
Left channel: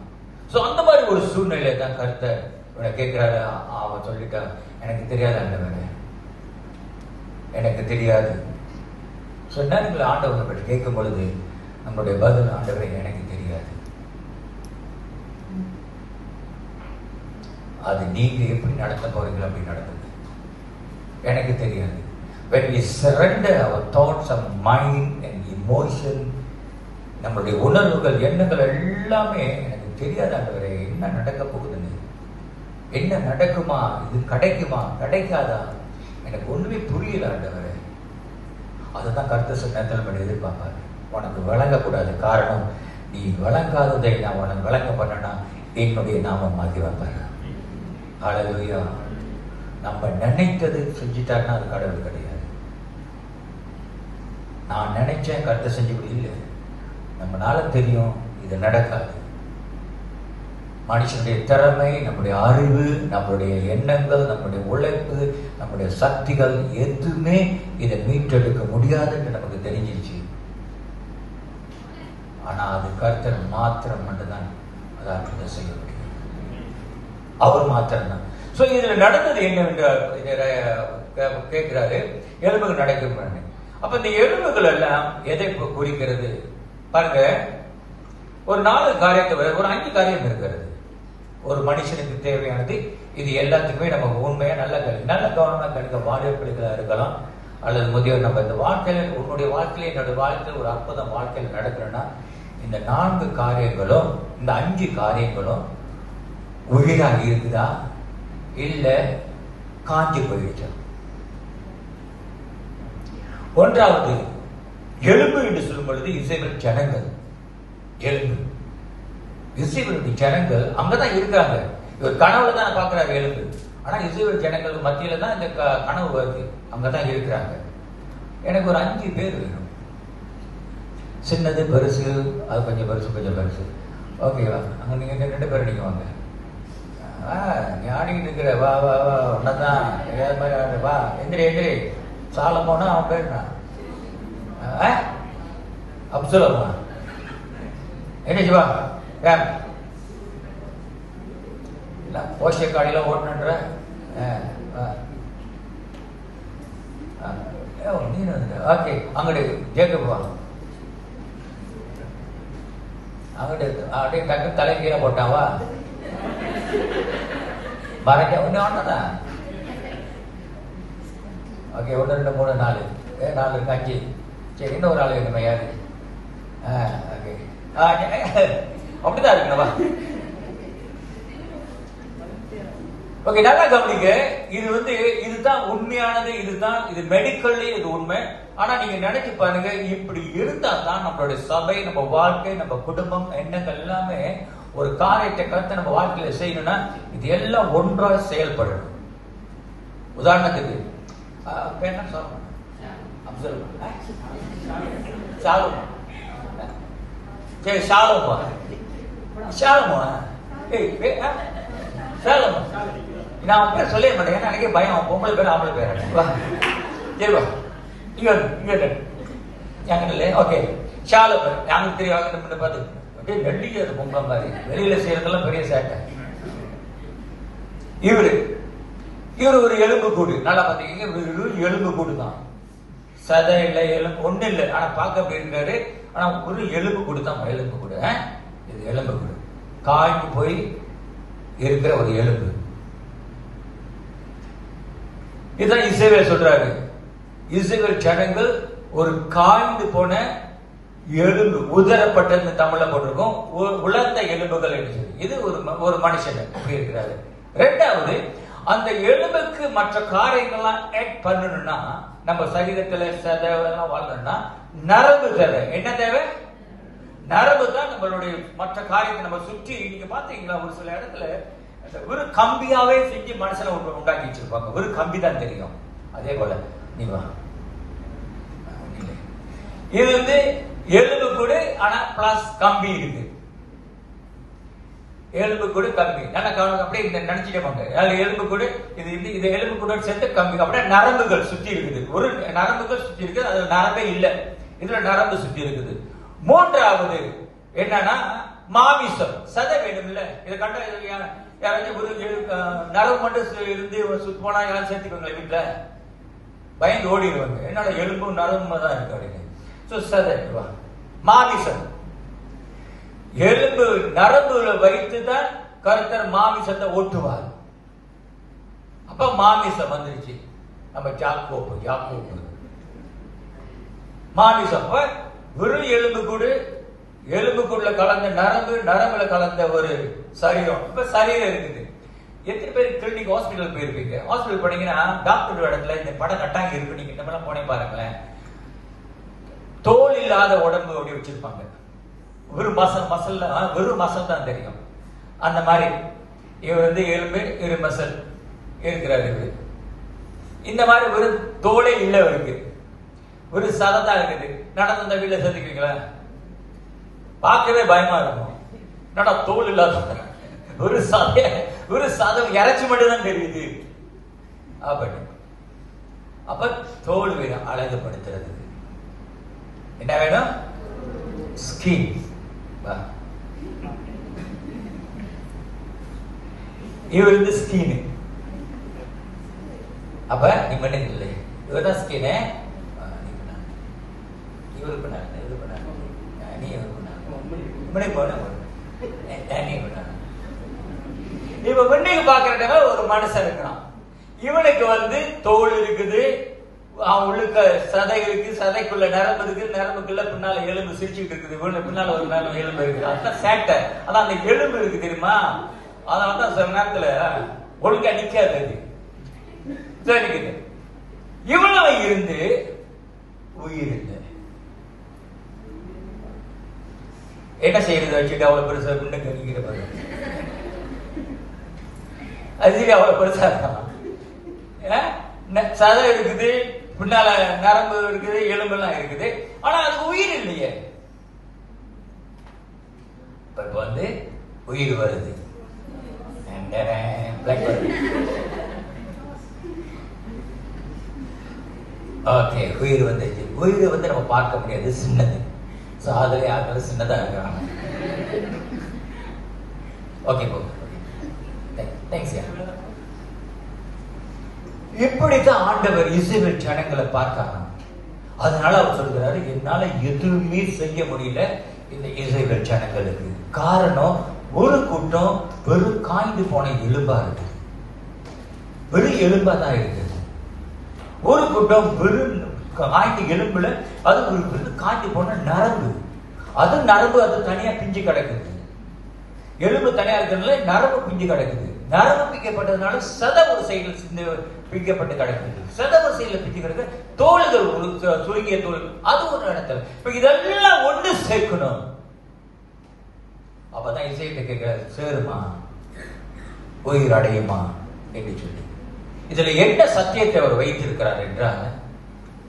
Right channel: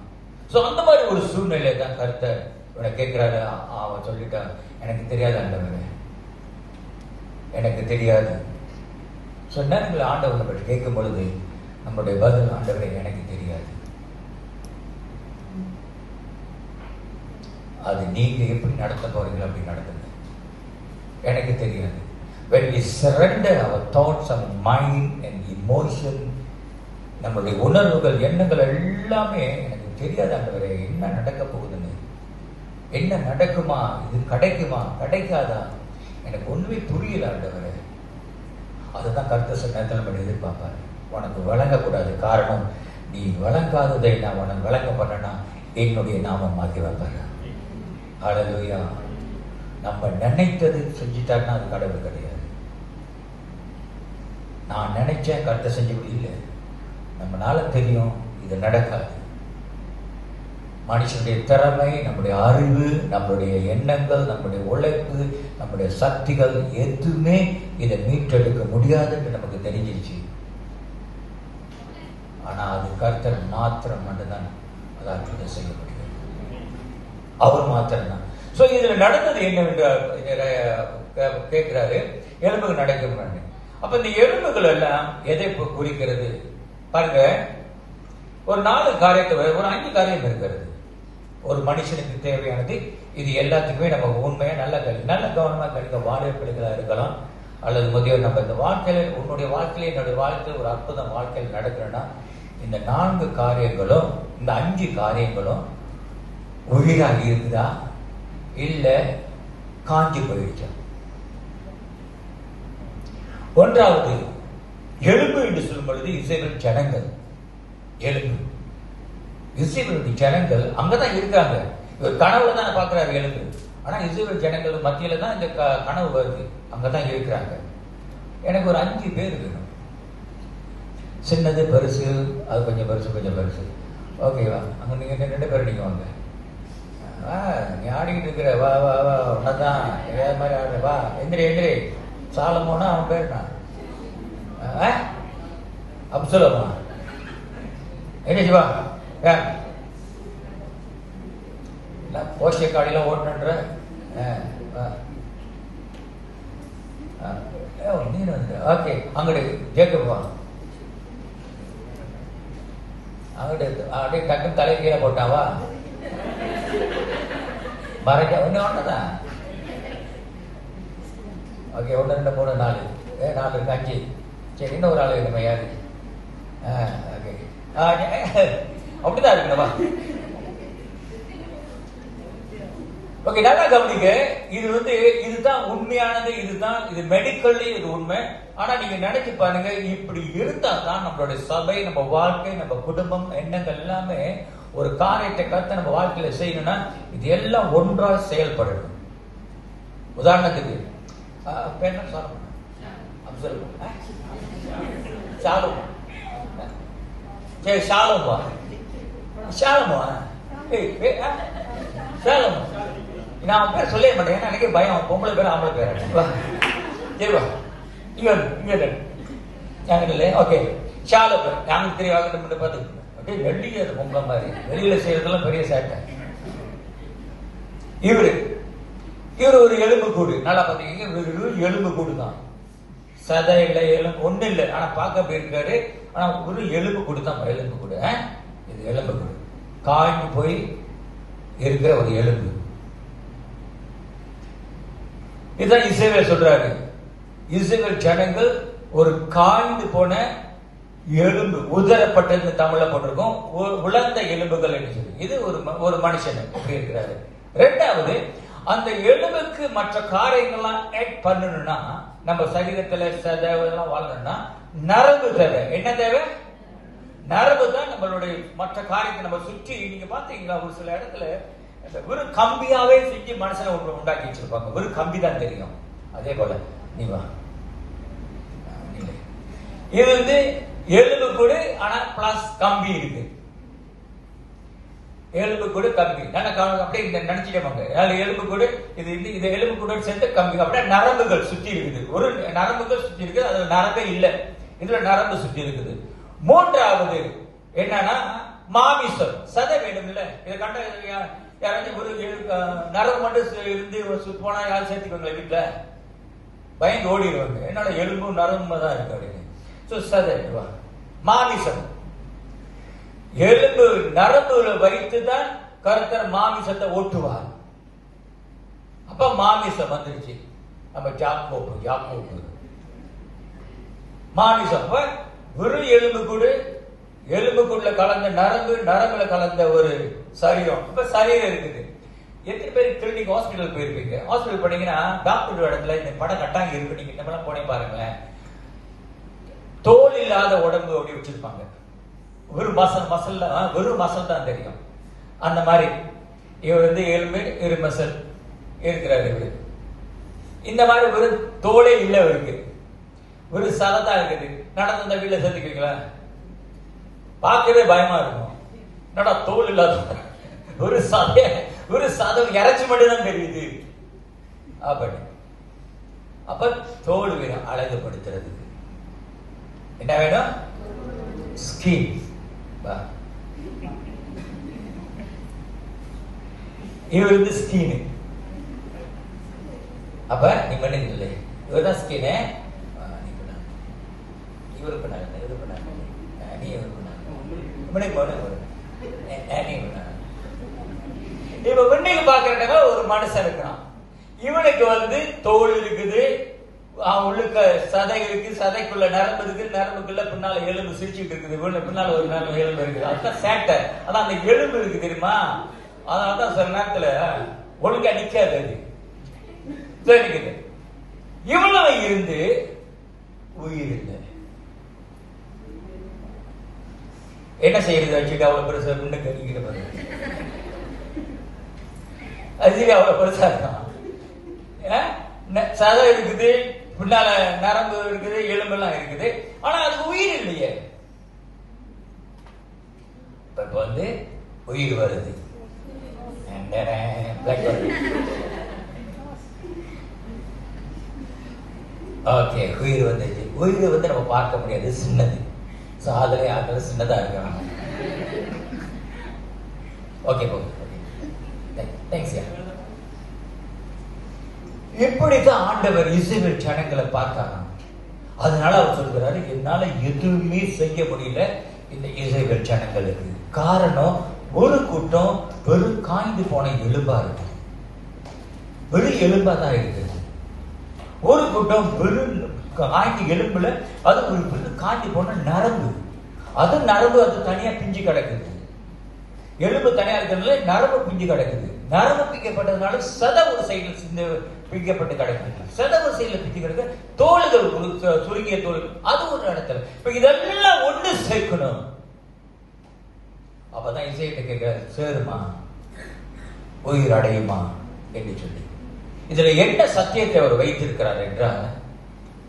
சோ அந்த மாதிரி ஒரு சூழ்நிலை தான் கர்த்தர் கேட்கிறாரு. அவன் சொல்லிட்டான், எனக்கு தெரியாது ஆண்டவரே, எனக்கு தெரியாது. சொன்ன ஆண்டவரை பற்றி கேட்கும் பொழுது நம்முடைய பதில், ஆண்டவரை எனக்கு தெரியாது. அது நீங்க எப்படி நடத்த போறீங்களா அப்படி நடத்துங்க, எனக்கு தெரியாது. When we surrender our thoughts and mind and emotion, நம்முடைய உணர்வுகள் எண்ணங்கள் எல்லாமே எனக்கு தெரியாது ஆண்டவரே, என்ன நடக்க போகுதுன்னு, என்ன நடக்குமா, இது கிடைக்குமா கிடைக்காதா, எனக்கு ஒண்ணுமே புரியல ஆண்டவரே. அதுதான் கர்த்தர் சில நேரத்தில் நம்ம எதிர்பார்ப்பாரு, உனக்கு வழங்கக்கூடாது. காரணம், நீ வழங்காததை நான் உனக்கு வழங்க பண்ணனா என்னுடைய நாமம் மாற்றி வைப்பாரு. ஹல்லேலூயா. நம்ம நினைத்தது செஞ்சுட்டாருன்னா அது கடவுள் கிடையாது. நான் நினைச்சேன் கர்த்தர் செஞ்சு இல்லை, நம்மளால தெரியும் இது நடக்காது. மனுஷனுடைய திறமை, நம்முடைய அறிவு, நம்முடைய எண்ணங்கள், நம்முடைய உழைப்பு, நம்முடைய சக்திகள் எதுவுமே இதை மீட்டெடுக்க முடியாது என்று நமக்கு தெரிஞ்சிருச்சு. ஆனா அது கர்த்தர் மாத்திரம் மட்டும்தான் அதை அற்புதம் செய்ய முடியும், அவர் மாத்திரம்தான். சோ இதுல நடந்தது என்னவென்று கேட்கிறாரு, எலும்புகள் நடக்கும். அப்ப இந்த எலும்புகள் எல்லாம் எதை குறிக்கிறது பாருங்க. ஒரு 4 காரியத்தை, ஒரு 5 காரியம் இருக்கிறது. ஒரு மனுஷனுக்கு தேவையானது இது எல்லாத்துக்குமே நமக்கு உண்மையா நல்ல கவனமா கணிக்க, வாழைப்பிள்ளைகளா இருக்கலாம் அல்லது முதியோர். நம்ம இந்த வாழ்க்கையில, உன்னுடைய வாழ்க்கையில என்னுடைய வாழ்க்கையில் ஒரு அற்புதம் வாழ்க்கையில் நடக்கிறேன்னா இந்த 4 காரியங்களும், இந்த 5 காரியங்களும் உயிராக இருக்குதா இல்ல காஞ்சி போயிடுச்சா? ஒன்றாவது, எலும்பு என்று சொல்லும் பொழுது இஸ்ரவேல் ஜனங்கள். எலும்பு இஸ்ரவேலுடைய ஜனங்கள் அங்கதான் இருக்காங்க. இவர் கனவுல தான் பாக்குறாரு எலும்பு. ஆனா இஸ்ரவேல் ஜனங்கள் மத்தியில தான் இந்த கனவு வருது. அங்கதான் இருக்கிறாங்க. எனக்கு ஒரு 5 பேர் வேணும். சின்னது பெருசு, அது கொஞ்சம் பெருசு கொஞ்சம் பெருசு. ஓகேவா? அங்க நீங்க 2 பேர் நீங்க வாங்க. நீ ஆடிக்கிட்டு இருக்கிற, வா வா வா, உன்னதான் ஏதாவது மாதிரி ஆடு, வா எந்திரி எந்திரி. சாலமோனா அவன் பேர் நான் அப்சலோமா. என்ன வா யார் போஷ காடியெல்லாம் ஓட்டணுன்ற ஓகே. அங்கிட்டு ஜேக்கப் வா. அங்கிட்டு அப்படியே டக்கு தலை கீழே போட்டாவா மறைக்க ஒண்ணு ஒண்ணுதான். ஓகே, 1 2 3 4 4 இருக்கு, 5. சரி, இன்னும் ஒரு ஆள் வேணுமா? யாரு? ஓகே, அப்படிதான் இருக்குங்களா? ஓகே, நல்லா கவனிங்க. இது இதுதான் உண்மையானது. இது மெடிக்கல்லி இது உண்மை. ஆனா நீங்க நினைச்சு பாருங்க, இப்படி இருந்தா தான் நம்மளுடைய சபை, நம்ம வாழ்க்கை, நம்ம குடும்பம், எண்ணங்கள் எல்லாமே ஒரு காரியத்தை கருத்தை நம்ம வாழ்க்கையில செய்யணும்னா இது எல்லாம் ஒன்றாக செயல்படணும். உதாரணத்துக்கு சரி, சாலமோ நான் பேர் சொல்ல மாட்டேன். ஏன்னா எனக்கு பயம். பொம்பளை பேர் ஆம்பளை பேர். சரிவா, இங்க ஓகே. ஷாலம் யாருக்கு தெரியும்? பார்த்து அப்படியே வெள்ளிய அது பொம்பளை மாதிரி வெளியில செய்யறதெல்லாம் பெரிய சேட்டை. இவரு ஒரு எலும்பு கூடு. நல்லா பாத்தீங்க, எலும்பு கூடு தான். சதை இல்லை, எலும்பு ஒண்ணு இல்லை. ஆனா பார்க்க அப்படி இருக்காரு. ஆனா ஒரு எலும்பு கூடு தான். எலும்பு கூடு, இது எலும்பு கூடு. காய்ந்து போய் இருக்கிற ஒரு எலும்பு. இதுதான் இஸ்ரவேல் சொல்றாரு. இஸ்ரவேல் ஜனங்கள் ஒரு காய்ந்து போன எலும்பு, உதரப்பட்டது தமிழ்ல போட்டிருக்கும். உலர்ந்த எலும்புகள் என்று சொல்லி. இது ஒரு மனுஷன் எப்படி இருக்கிறாரு. 2வது, அந்த எலும்புக்கு மற்ற காரியங்கள்லாம் ஆட் பண்ணணும்னா, நம்ம சரீரத்துல சதை வாழணும்னா நரம்பு தேவை. என்ன தேவை? நரம்பு தான் நம்மளுடைய மற்ற காரியத்தை நம்ம சுற்றி. நீங்க பாத்தீங்களா, ஒரு சில இடத்துல ஒரு கம்பியாவே செஞ்சு மனுஷனை உண்டாக்கி வச்சிருப்பாங்க. ஒரு கம்பி தான் தெரியும். அதே போல நீ வா, இது எலும்பு கூடு. ஆனா பிளஸ் கம்பி இருக்கு. எலும்பு கூடு கம்பி. அப்படியே நினைச்சிட்டே எலும்பு கூடு. இது எலும்பு கூட சேர்த்து கம்பி. அப்படியே நரம்புகள் சுற்றி இருக்குது. ஒரு நரம்புகள் சுற்றி இருக்குது. அது நரம்பே இல்லை. இதுல நரம்பு சுற்றி இருக்குது. 3வது என்னன்னா மாமிசம், சதை வேணும் இல்ல. இதை கண்ட யாராச்சும் ஒரு நரம்பு மட்டும் இருந்து போனா யாரும் சேர்த்துக்கோங்களேன் வீட்டுல, பயந்து ஓடிடுவாங்க. என்னோட எலும்பு நரம்பு தான் இருக்கு அப்படின்னு. சதை மாமிசம், எலும்பு நரம்புல வைத்துதான் கர்த்தர் மாமிசத்தை ஓட்டுவார். அப்ப மாமிசம் வந்துருச்சு. நம்ம யாக்கோபு மாமிசம். வெறும் எலும்புக்குள்ள கலந்த நரம்புல கலந்த ஒரு சரீரம். இப்ப சரீரம் இருக்குது. எத்தனை பேர் கிளினிக் ஹாஸ்பிட்டல் போயிருப்பீங்க? ஹாஸ்பிட்டல் போனீங்கன்னா டாக்டர் இடத்துல இந்த படம் கட்டாங்க இருக்கு. நீங்க இந்த மாதிரி போனே பாருங்களேன். தோல் இல்லாத உடம்பு அப்படி வச்சிருப்பாங்க. வெறும் மசல் தான் தெரியும். அந்த மாதிரி இவர் எலும்பு இரு மசல் இருக்கிறாரு. இந்த மாதிரி ஒரு தோலே இல்ல இருக்கு. ஒரு சதத்தா இருக்குது. நடந்த அந்த வீட்டுல சேர்த்துக்கிறீங்களா? பார்க்கவே பயமா இருக்கும். என்னடா தோல் இல்லாத ஒரு சதம் இறைச்சி மட்டும் தான் தெரியுது. அப்ப தோல் வேணும் அழகுபடுத்துறதுக்கு. என்ன வேணும்? ஸ்கின். இவர் ஸ்கின். அப்ப நீ மனிதன் இல்லை, இவர்தான் ஸ்கின். இவருக்கு நீ இப்ப பெண்ணுக்கு பாக்குறதுனால ஒரு மனுஷன் இருக்கான். இவனுக்கு தோல் இருக்குது, உள்ளுக்க சதை இருக்கு, சதைக்குள்ள நரம்பு இருக்கு, நரம்புக்குள்ள பின்னால எலும்பு சிரிச்சுட்டு இருக்குது, பின்னால ஒரு எலும்பு இருக்குது. அதுதான் சேட்டை. ஆனா அந்த எலும்பு இருக்கு தெரியுமா, அதனாலதான் சில நேரத்துல ஒழுங்கா நிக்காது, நிக்குது. இவ்வளவு இருந்து உயிர் இல்லை. என்ன செய்யறது வச்சுட்டு அவ்வளவு பெருசா முன்னுக்கு நிக்கிற பாரு, அது அவ்வளவு பெருசா இருக்கான். சதை இருக்குது, பின்னால நரம்பு இருக்குது, எலும்பெல்லாம் இருக்குது, ஆனா அது உயிர் இல்லையே. இப்ப வந்து உயிர் வருது. ஓகே, உயிர் வந்துச்சு. உயிர் வந்து நம்ம பார்க்க முடியாது, சின்னது. சாதனை ஆகிறது சின்னதா இருக்கிறாங்க. ஓகே, எப்படித்தான் ஆண்டவர் இஸ்ரவேல் ஜனங்களை பார்த்தாங்க. அதனால அவர் சொல்கிறாரு, என்னால எதுவுமே செய்ய முடியல இந்த இஸ்ரவேல் ஜனங்களுக்கு. காரணம், ஒரு கூட்டம் வெறும் காய்ந்து போன எலும்பா இருக்கு, வெறும் எலும்பா தான் இருக்குது. ஒரு கூட்டம் வெறும் காய்ந்து எலும்புல அது ஒரு வெறும் காய்ந்து போன நரம்பு, அது நரம்பு அது தனியா பிஞ்சு கிடக்குது. எலும்பு தனியா இருக்கிறதுனால நரம்பு பிஞ்சு கிடக்குது. நரம்பு பிக்கப்பட்டதுனால சதவு செயல் பிக்கப்பட்டு கிடக்குது. சதவு செயல பிஞ்சு கிடக்கு. தோள்கள் சுருங்கிய தோல், அது ஒரு இடத்துல. இப்ப இதெல்லாம் ஒண்ணு சேர்க்கணும். அப்பதான் இசையிட்ட கேட்க, சேருமா, உயிர் அடையுமா என்று சொல்லி. இதுல என்ன சத்தியத்தை அவர் வைத்திருக்கிறார் என்றால்,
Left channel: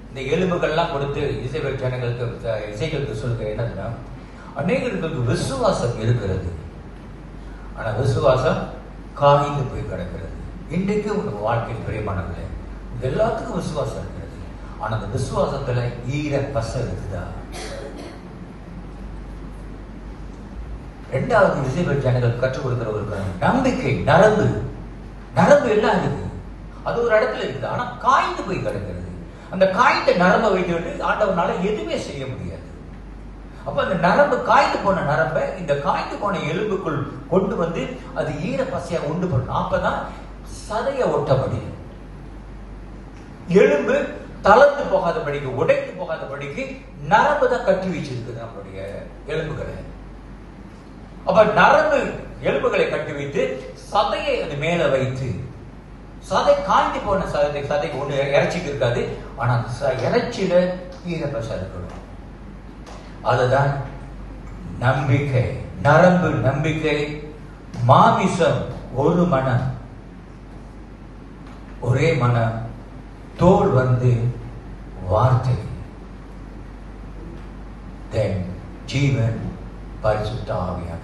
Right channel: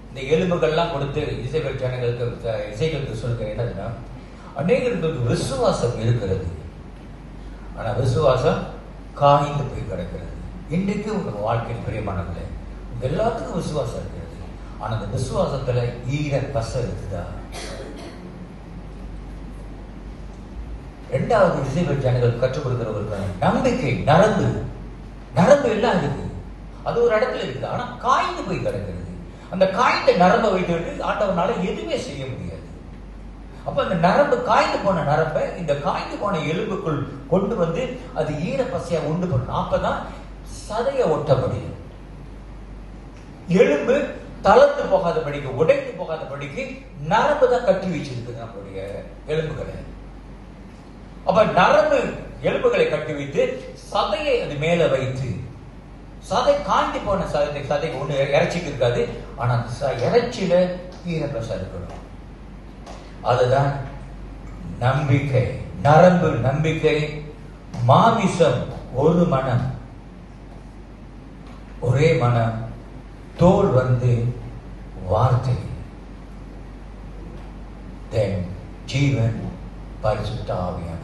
இந்த எலும்புகள்லாம் கொடுத்து இசைவேல் ஜனங்களுக்கு இசைகளுக்கு சொல்கிற என்னதுன்னா, அநேகருக்கு விசுவாசம் இருக்கிறது, ஆனா விசுவாசம் காய்ந்து போய் கிடக்கிறது. இன்றைக்கு உங்க வாழ்க்கையில் பிரியமானவர்களே, எல்லாத்துக்கும் விசுவாசம் இருக்கிறது, ஆனா அந்த விசுவாசத்துல ஈர பசை இருக்குதா? இரண்டாவது இசைவேல் ஜனங்கள் கற்றுக் கொடுக்கிற ஒரு நம்பிக்கை, நரம்பு. நரம்பு எல்லாம் இருக்கு, அது ஒரு இடத்துல இருக்குது, ஆனா காய்ந்து போய் கிடக்கிறது. அந்த காய்ந்த நரம்பை வைத்துவிட்டு ஆண்டவனால எதுவுமே செய்ய முடியாது. அப்ப அந்த நரம்பு, காய்ந்து போன நரம்பை இந்த காய்ந்து போன எலும்புக்குள் கொண்டு வந்து அது ஈர பசையா உண்டு பண்ணணும். அப்பதான் சதைய ஒட்ட முடியும். எலும்பு தளர்ந்து போகாதபடிக்கு, உடைந்து போகாதபடிக்கு நரம்பு தான் கட்டி வச்சிருக்குது நம்மளுடைய எலும்புகளை. அப்ப நரம்பு எலும்புகளை கட்டி வைத்து சதையை அது மேல வைத்து, சதை காய்ந்து போன சதை ஒண்ணு இறைச்சிக்கு இருக்காது, ஆனா இறைச்சியில ஈரப்பசை இருக்கணும். அதுதான் நம்பிக்கை. நரம்பு நம்பிக்கை, மாமிசம் ஒரு மனம், ஒரே மனம், தோல் வந்து வார்த்தை, தென் ஜீவன் பரிசுத்த ஆவியானவர்.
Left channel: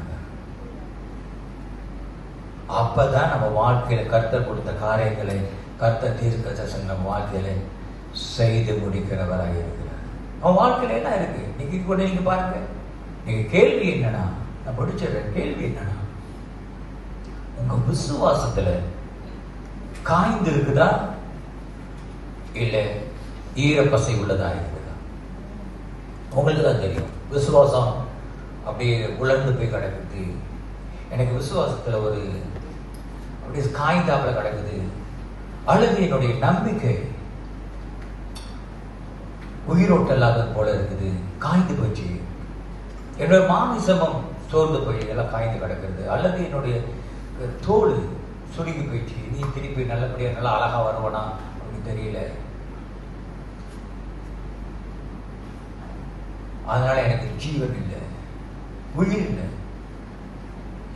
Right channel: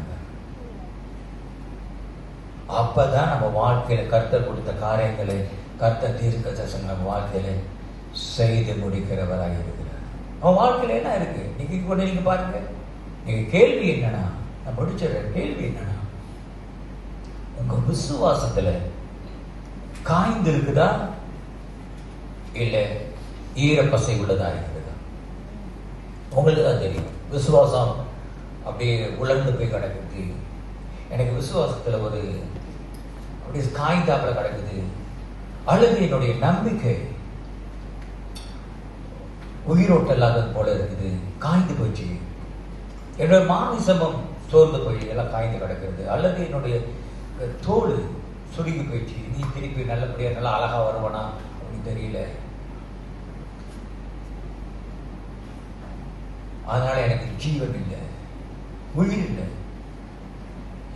அப்பதான் நம்ம வாழ்க்கையில கர்த்தர் கொடுத்த காரியங்களை, கர்த்தர் தீர்க்க தரிசனம் நம்ம வாழ்க்கையில செய்து முடிக்கிறவராக இருக்கிறார். அவன் வாழ்க்கையில என்ன இருக்கு நீங்க கூட நீங்க பாருங்க. நீங்க கேள்வி என்னன்னா, நான் முடிச்சிடுற கேள்வி என்னன்னா, உங்க விசுவாசத்துல காய்ந்து இருக்குதா இல்ல ஈரப்பசை உள்ளதா இருக்குதா? உங்களுக்கு தான் தெரியும். விசுவாசம் அப்படியே உலர்ந்து போய் கிடக்குது. எனக்கு விசுவாசத்துல ஒரு அப்படியே காய்ந்தாப்புல கிடக்குது. அல்லது என்னுடைய நம்பிக்கை உயிரோட்டம் இல்லாதது போல இருக்குது, காய்ந்து போச்சு. என்னுடைய மாமிசமும் சோர்ந்து போய் எல்லாம் காய்ந்து கிடக்குது. அல்லது என்னுடைய தோல் சுருங்கி போயிடுச்சு, நீ திருப்பி நல்லபடியா நல்லா அழகா வருவனா அப்படின்னு தெரியல. அதனால எனக்கு ஜீவன் இல்லை, உயிர் இல்லை,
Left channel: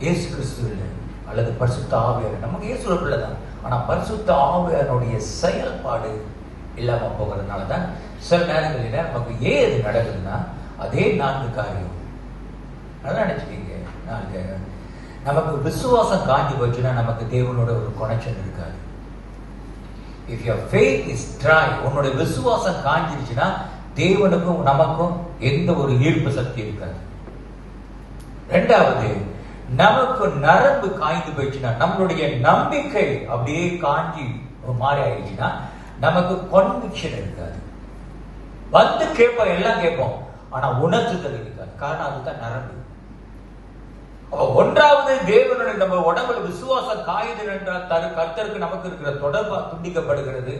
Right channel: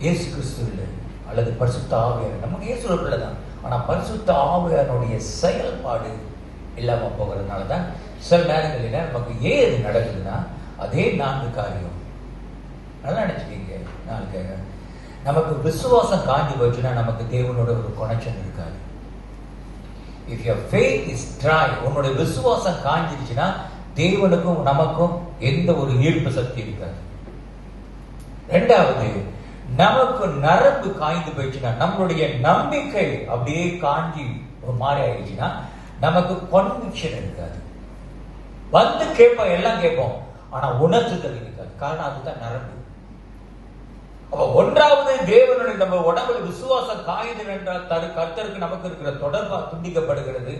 இயேசு கிறிஸ்து இல்லை, அல்லது பரிசுத்த ஆவியார். நமக்கு இயேசு பிள்ளைதான், ஆனா பரிசுத்த ஆவியாருடைய செயல்பாடு இல்லாம போகிறதுனாலதான் சில நேரங்களில நமக்கு ஏன் இது நடக்குதுன்னா, அதே 4 காரியம். நல்லா நினைச்சுக்கீங்க, 4 காரியம். நமக்கு விசுவாசம் காஞ்சி போச்சுன்னா நமக்கு தேவனோட ஒரு கனெக்ஷன் இருக்காது. If your faith is try, உன்னுடைய விசுவாசம் காஞ்சிருச்சுன்னா தேவனுக்கும் நமக்கும் எந்த ஒரு ஈர்ப்பு சக்தி இருக்காது. 2வது, நமக்கு நரம்பு காய்ந்து போயிடுச்சுன்னா, நம்மளுடைய நம்பிக்கை அப்படியே காஞ்சி ஒரு மாதிரி ஆயிடுச்சுன்னா நமக்கு கான்விக்ஷன் இருக்காது. வந்து கேட்போம், எல்லாம் கேட்போம், ஆனா உணர்த்துதல் இருக்காது. காரணம் அதுதான் நரம்பு. அப்ப 1வது, தேவனுடைய நம்ம உடம்புல விசுவாசம் காயுது என்றால் கர்த்தருக்கு நமக்கு இருக்கிற தொடர்பா துண்டிக்கப்படுகிறது.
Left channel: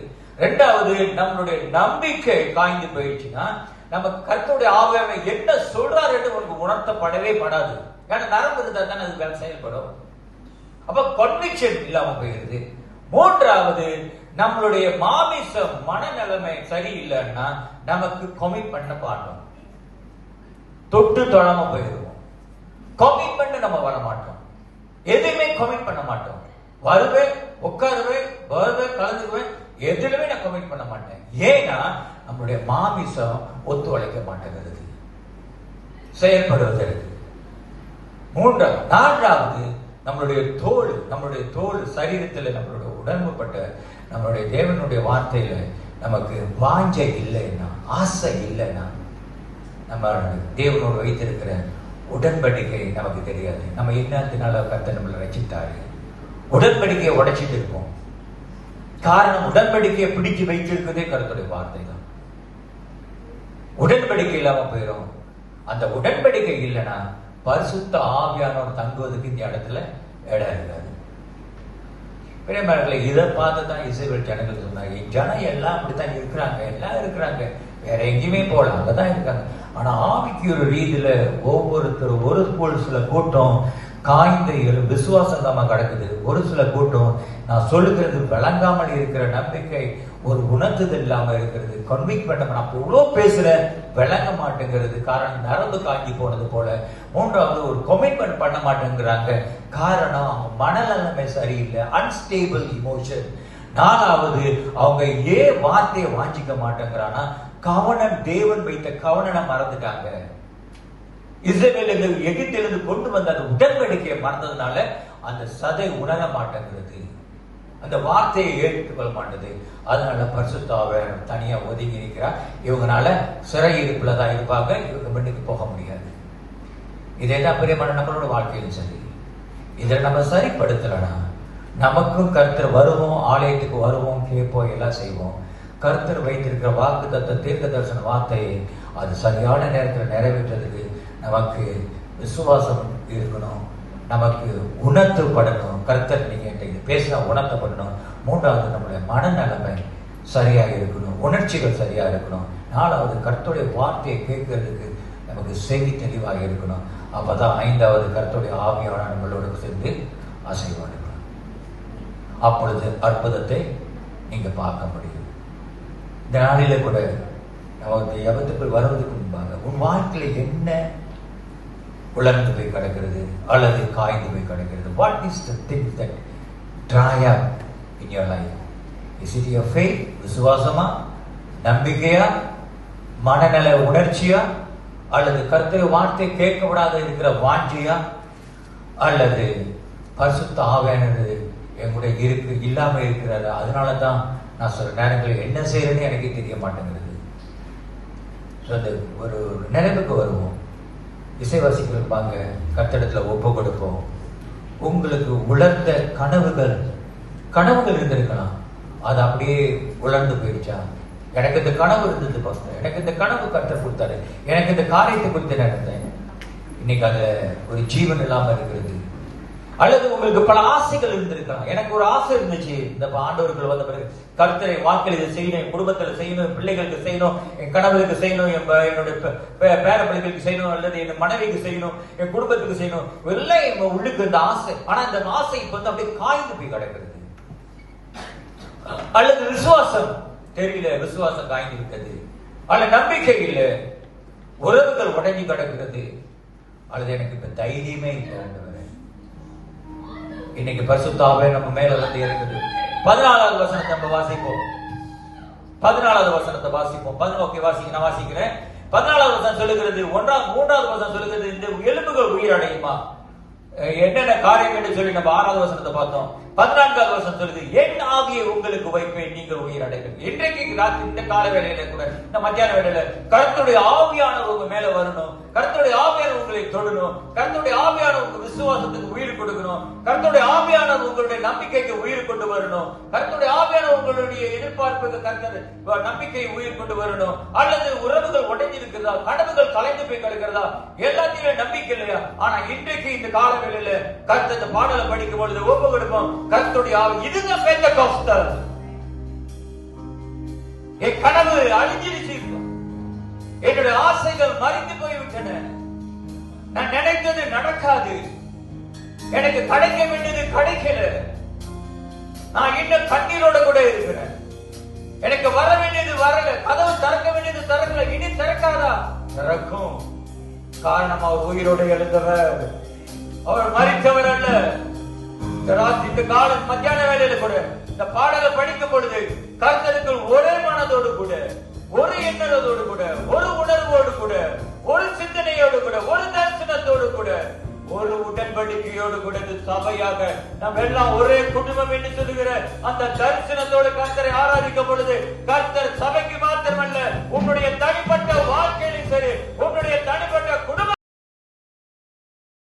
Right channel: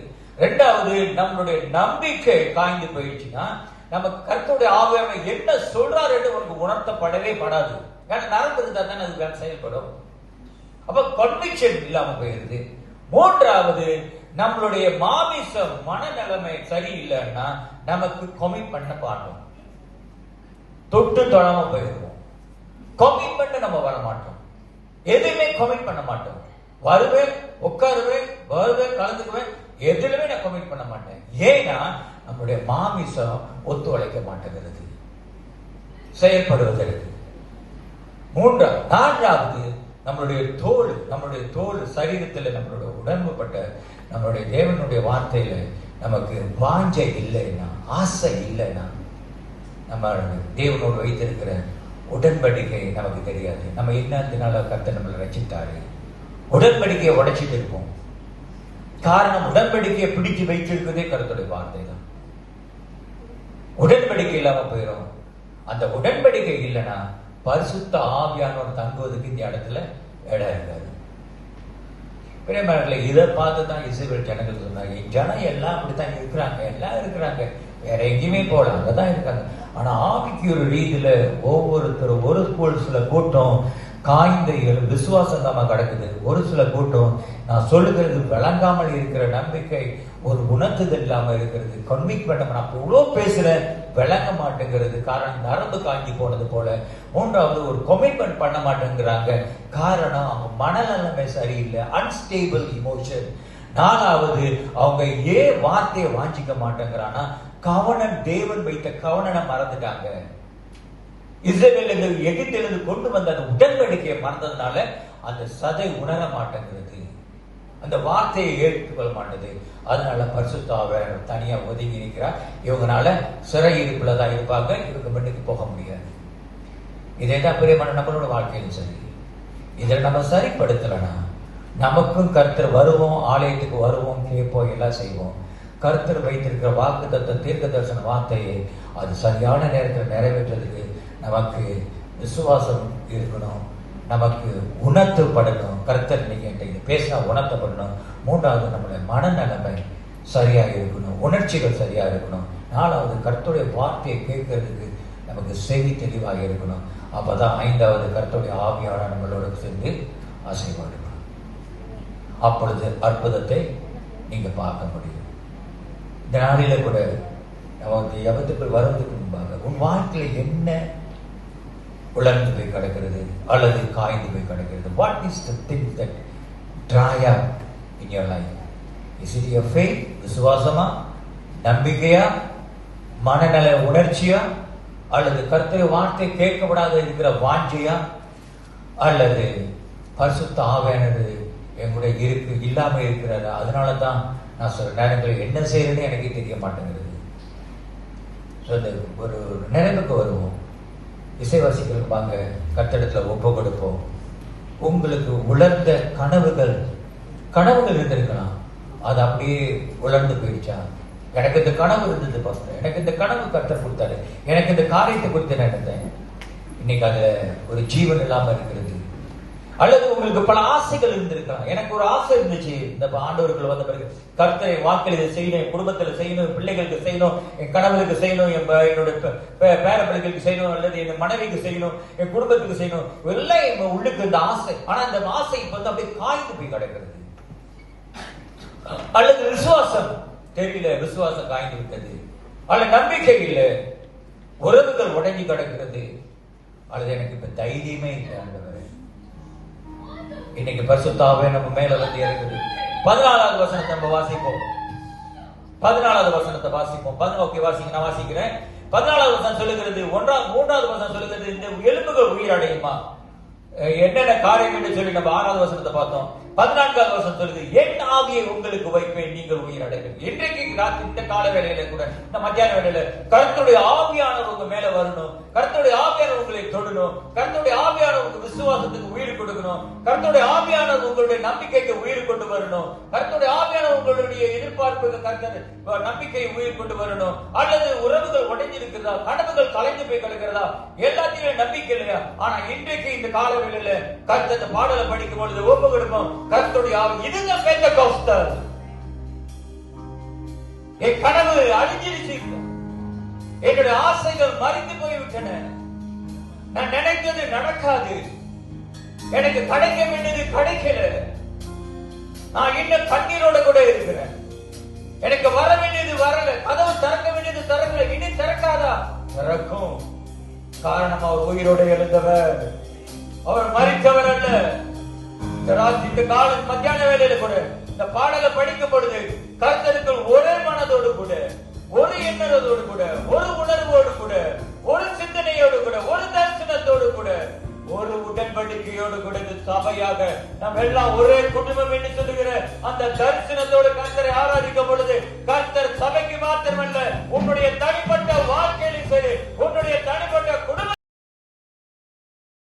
2வது, நம்மளுடைய நம்பிக்கை காய்ந்து போயிடுச்சுன்னா நமக்கு கர்த்தருடைய ஆவியானவர் என்ன சொல்றாரு என்று உனக்கு உணர்த்தப்படவே படாது. ஏன்னா நரம்பு இருந்தா தானே அது செயல்படும். அப்ப கன்விக்ஷன் இல்லாம போயிருது. மூன்றாவது, நம்மளுடைய மாமிசம் மனநிலைமை சரியில்லைன்னா நமக்கு கமிட்மெண்ட் பாட்டோம், தொட்டு தொடாம போயிருவோம். கமிட்மெண்ட் நம்ம வர மாட்டோம், எதுவுமே கமிட் பண்ண மாட்டோம். வருவேன், உட்காருவேன், வருவேன், கலந்துக்குவேன், எதுலுமே நான் கமிட் பண்ண மாட்டேன். ஏன்னா நம்முடைய மாமிசம் ஒத்துழைக்க மாட்டேங்கிறது செயல்படுவதற்கு. நான்காவது, நம்மளுடைய தோல் சரீரத்தில் நம்மளுடைய உடம்புப்பட்ட நம்மளுடைய தேவனுடைய வார்த்தையில நமக்கு வாஞ்சை இல்லைன்னா, ஆசை இல்லைன்னா, நம்ம தேவனோடு வைத்திருக்கிற உடன்படிக்கை நமக்கு தெரியாது. நம்ம என்னத்தினால கர்த்தர் நம்மளை ரட்சித்தாரு, உடன்படிக்கையை உடைச்சிட்டு இருப்போம். காரணம், உடன்படிக்கையை பிடிச்சு வைத்திருக்கிறதே கர்த்தருடைய வார்த்தை தான். உடன்படிக்கை இல்லாம போயிடும். அந்த உடன்படிக்கை இல்லைன்னா பரிசுத்த ஆவியானவர் தங்குவதற்கு இந்த இடத்துல இடம் இருக்காது. பிரியமானவர்களே, இதை பார்த்து தான் இஸ்ரவேல் ஜனங்கள் சொன்னாங்க, ஜனம் எல்லாம் அப்படித்தான் இருக்கிறாங்க, எல்லாம் இருக்கிறாங்க, வேற எங்கேயுமே போகல, அங்கதான் இருக்காங்க. ஆனா ஆவிக்கு ஒரு ரீதியில ஒவ்வொருத்தரும் ஒரு சில கூட்டம் காய்ந்த விசுவாசம் தான் கிடக்குது. ஒரு சில கூட்டம் நான் சொல்லுகிறது விளங்காமல் இருக்கிற நம்பிக்கை, ஒரு உணர்த்துதல் இல்லாம இருக்கிறது, கன்விக் பண்ண நான் இவ்வளவு பேசுறேன் விளங்க மாட்டேங்கிறது. காரணம், நரம்பு காஞ்சி போனது போல. மூன்றாவது, ஒரு கமிட்மெண்ட் பண்ண மாட்டேங்கிறாங்க. காரணம், அவங்க மனநிலைமை சரியில்லை, அன்ஸ்டேபிள் இமோஷன். நாலாவது, அவங்க ஏன் வார்த்தையை வாஞ்சிக்க மாட்டேங்கிறான்னா, கவனம், தேவன் வைத்த கவனம் மறந்துட்டாங்க. இஸ்ரவேலர்கள் எகிப்திலிருந்து கொண்டு வந்த அந்த உடன்படிக்கையை மறந்ததுனால அந்த சதை உணர மாட்டேங்கிறது, அந்த வார்த்தையை ஏற்றுக்கொள்ள மாட்டேது. அதனால பரிசுத்த ஆவியானவர் தனியா ஒதுங்கி இருக்கிறார். இவங்கனால சிறை இருப்புலதான் இருப்பாங்க, இவங்க வீட்டுக்கு போக முடியாது. இதேதான் பிரியமான நம்மளோட வாழ்க்கையிலும் சரி. இதை நம்ம சரிப்படுத்தலனா நமக்கும் கர்த்தர் வருவோம், ஆலயத்துக்கு வருவோம், கேட்போம், எல்லாம் செய்வோம். கர்த்தர் வைத்திருக்கிற வாக்கு தத்த தீர்க்க தரிசன வார்த்தையை அது சரியான நேரத்தில் நிறைவேற்றதுக்கு நமக்கு விசுவாசம் இருக்கணும், நமக்கு உணர்த்தப்படணும். கர்த்தர் நீங்க இது பேசினா உணர்த்தப்படணும். மூன்றாவது, நம்முடைய மனநிலைமை சரியா இருக்கணும், உணர்ச்சிகள் சரியா இருக்கணும். நாலாவது, கர்த்தருடைய வார்த்தையை கேட்கறதுக்கு நமக்கு செவி தெளிவாக இருக்கணும். அப்பதான் ஐந்தாவது, கர்த்தருடைய ஆவியான நம்மளோட சேர்ந்து அசைவாடு. அப்பொழுது அற்புதத்தை நீங்க பார்க்க முடியும். இந்த நாளில கூட நமக்கு எவத்துக்குள் வருவதற்கு முன்பாக உன் வாழ்க்கையில் என்ன உலர்ந்து போய் கிடக்கிறது அல்லது காய்ந்து போய் கிடக்கிறது? What is the thing that dry up in your life? Is it your faith? விசுவாசமா, நம்பிக்கையா, மனநல உணர்ச்சியா, அல்லது கர்த்தருடைய வார்த்தை கேட்கப்படாத இருக்கிற வாஞ்சியா, அல்லது பரிசுத்த ஆவியானவர் எங்களுடைய இருக்கு இல்லாம இருக்கிறாரு? அதனாலதான் நான் சொல்ற நேரங்களில் என்ன செய்யறதுன்னு எனக்கு தெரிய மாட்டேங்கிறது. ஒரு நினைவுக்கு வருவோம், இசைவாசிகள் வாங்க, கட்டடத்துல ஒப்பு கொடுப்போம். உங்களுக்கு உலர்ந்த கனவுகள் இருந்திருக்கலாம், அது அப்படியே உலர்ந்து போயிடுச்சா? எனக்கு இந்த கனவு இருந்தது பாருங்க, எனக்கு இந்த கனவு கர்த்தர் கொடுத்தாரு, எனக்கு இந்த காரியத்தை குறித்து நினைத்தேன், இன்னைக்கு அது ஒரு ஜீவன் இல்லாம இருக்கிறது. அல்லது உங்களுக்கு பல ஆசைகள் இருந்திருக்கலாம். எனக்கு ஒரு ஆசை இருந்துச்சு, இந்த ஆண்டவர்கள் வந்த பிறகு கர்த்தரை வாக்கில் இதை செய்யணும், என் குடும்பத்துல செய்யணும், என் பிள்ளைகளுக்கு செய்யணும், என் கணவருக்கு செய்யணும், என்னுடைய பேர பிள்ளைகளுக்கு செய்யணும், அல்லது என் மனைவிக்கு செய்யணும், என் குடும்பத்துக்கு செய்யணும், எல்லாம் எங்க உள்ளுக்கு இந்த ஆசை. ஆனா இந்த ஆசை இப்ப வந்து அப்படியே காய்ந்து போய் கிடக்கிறது. அல்லது விசுவாசம் தெரியல, விசுவாசம் காய்ந்து விட்டது. அல்லது நம்பிக்கை இல்லை, உறவுகள் உடஞ்சி கிடக்கிறது. அல்லது எனக்கு இப்ப தைரியமே இல்லை. இன்னைக்கு பரிசுத்த ஆவியானவர் நம்ம மேல வந்து இறங்குது. 14வது வசனத்தை நம்ம வாசிப்போம். 14வது வசனத்தை வாசிப்போம். 11 வாசிக்க, நான் வாசிக்கிறேன். 14வது வசனம் சொல்லுகிறது, 3வது வசனம் சொல்லுகிறது, இந்த எலும்புகள் உயிரடையுமா? என்னென்ன காரியம் என்று சொல்லி நம்ம 6வது வசனத்தை பார்த்தோம். 14வது வசனம் சொல்லுது, என் ஆவியை உங்களுக்கு வைப்பேன், நீங்கள் உயிரடைவீர்கள். இன்றைக்கு இந்த கால வேளையில கூட, இந்த மத்தியான வேளையில கர்த்தருடைய ஆவியானவர் உங்க மேல வரணும், கர்த்தருடைய ஆவியானவர் உங்களை தொடணும், கர்த்தருடைய ஆவியானவர் உங்க விசுவாசத்துக்கு உயிர் கொடுக்கணும், கர்த்தருடைய ஆவியானவர் உங்களுடைய நம்பிக்கைக்கு உயிர் கொண்டு வரணும், கர்த்தருடைய ஆவியானவர் உங்களுடைய எதிர்பார்ப்புக்கு கர்த்தர் நம்பிக்கை உயிர் கொண்டு வரணும். அல்லது உறவுகள் உடைஞ்சிருக்கிறதா, கனவுகள் கலைந்து போய் கிடக்கிறதா, எல்லாத்தையும் நம்பிக்கை இல்லையா? ஆனா இன்றைக்கு இந்த கால வேளையில கர்த்தர் பாடலை படிக்கும் பொழுது ஒப்பு கொடுப்போம், கர்த்தருடைய ஆவி. இதுதான் பெந்தெகோஸ்தல். என் கனவு அழிஞ்சிருச்சு, என்னுடைய ஆசைகள் மறைந்து போய்விட்டன, நான் நினைத்தது நடக்காது, எனக்கு கிடைக்க வேண்டியது கிடைக்கல. நான் இன்னும் கண்ணீரோட கூட இருக்கிறேன். எனக்கு வர வேண்டியது வரல, கதவு திறக்க வேண்டியது திறக்கல, இனி திறக்காதா? திறக்கும். காரணம் அவர் உயிரோடு எழுந்தவர், அவர் மறித்தவர் அல்ல. இந்த காலம் மத்தியான வேலையில கூட இந்த பாடலை படிக்கும் பொழுது கர்த்தருக்குள் ஒரே மனதோடு கூட, ஒரு எண்ணத்தோடு கூட, ஒரு உணர்வோடு கூட, ஒரு சிந்தனையோடு கூட, ஒரு தரிசனத்தோடு கூட, ஒரு உடன்படிக்கையோடு கூட சபையாக நாம் எல்லாம் ஒரே குடும்பம் என்று சொல்லுகிற அந்த தரிசனத்தோடு கர்த்தரை ஆராதிக்கும் பொழுது கர்த்தர் சபைக்கு மாத்திரமல்ல, உன்னுடைய தனிப்பட்ட வாழ்க்கையிலும் சரி, உன்னுடைய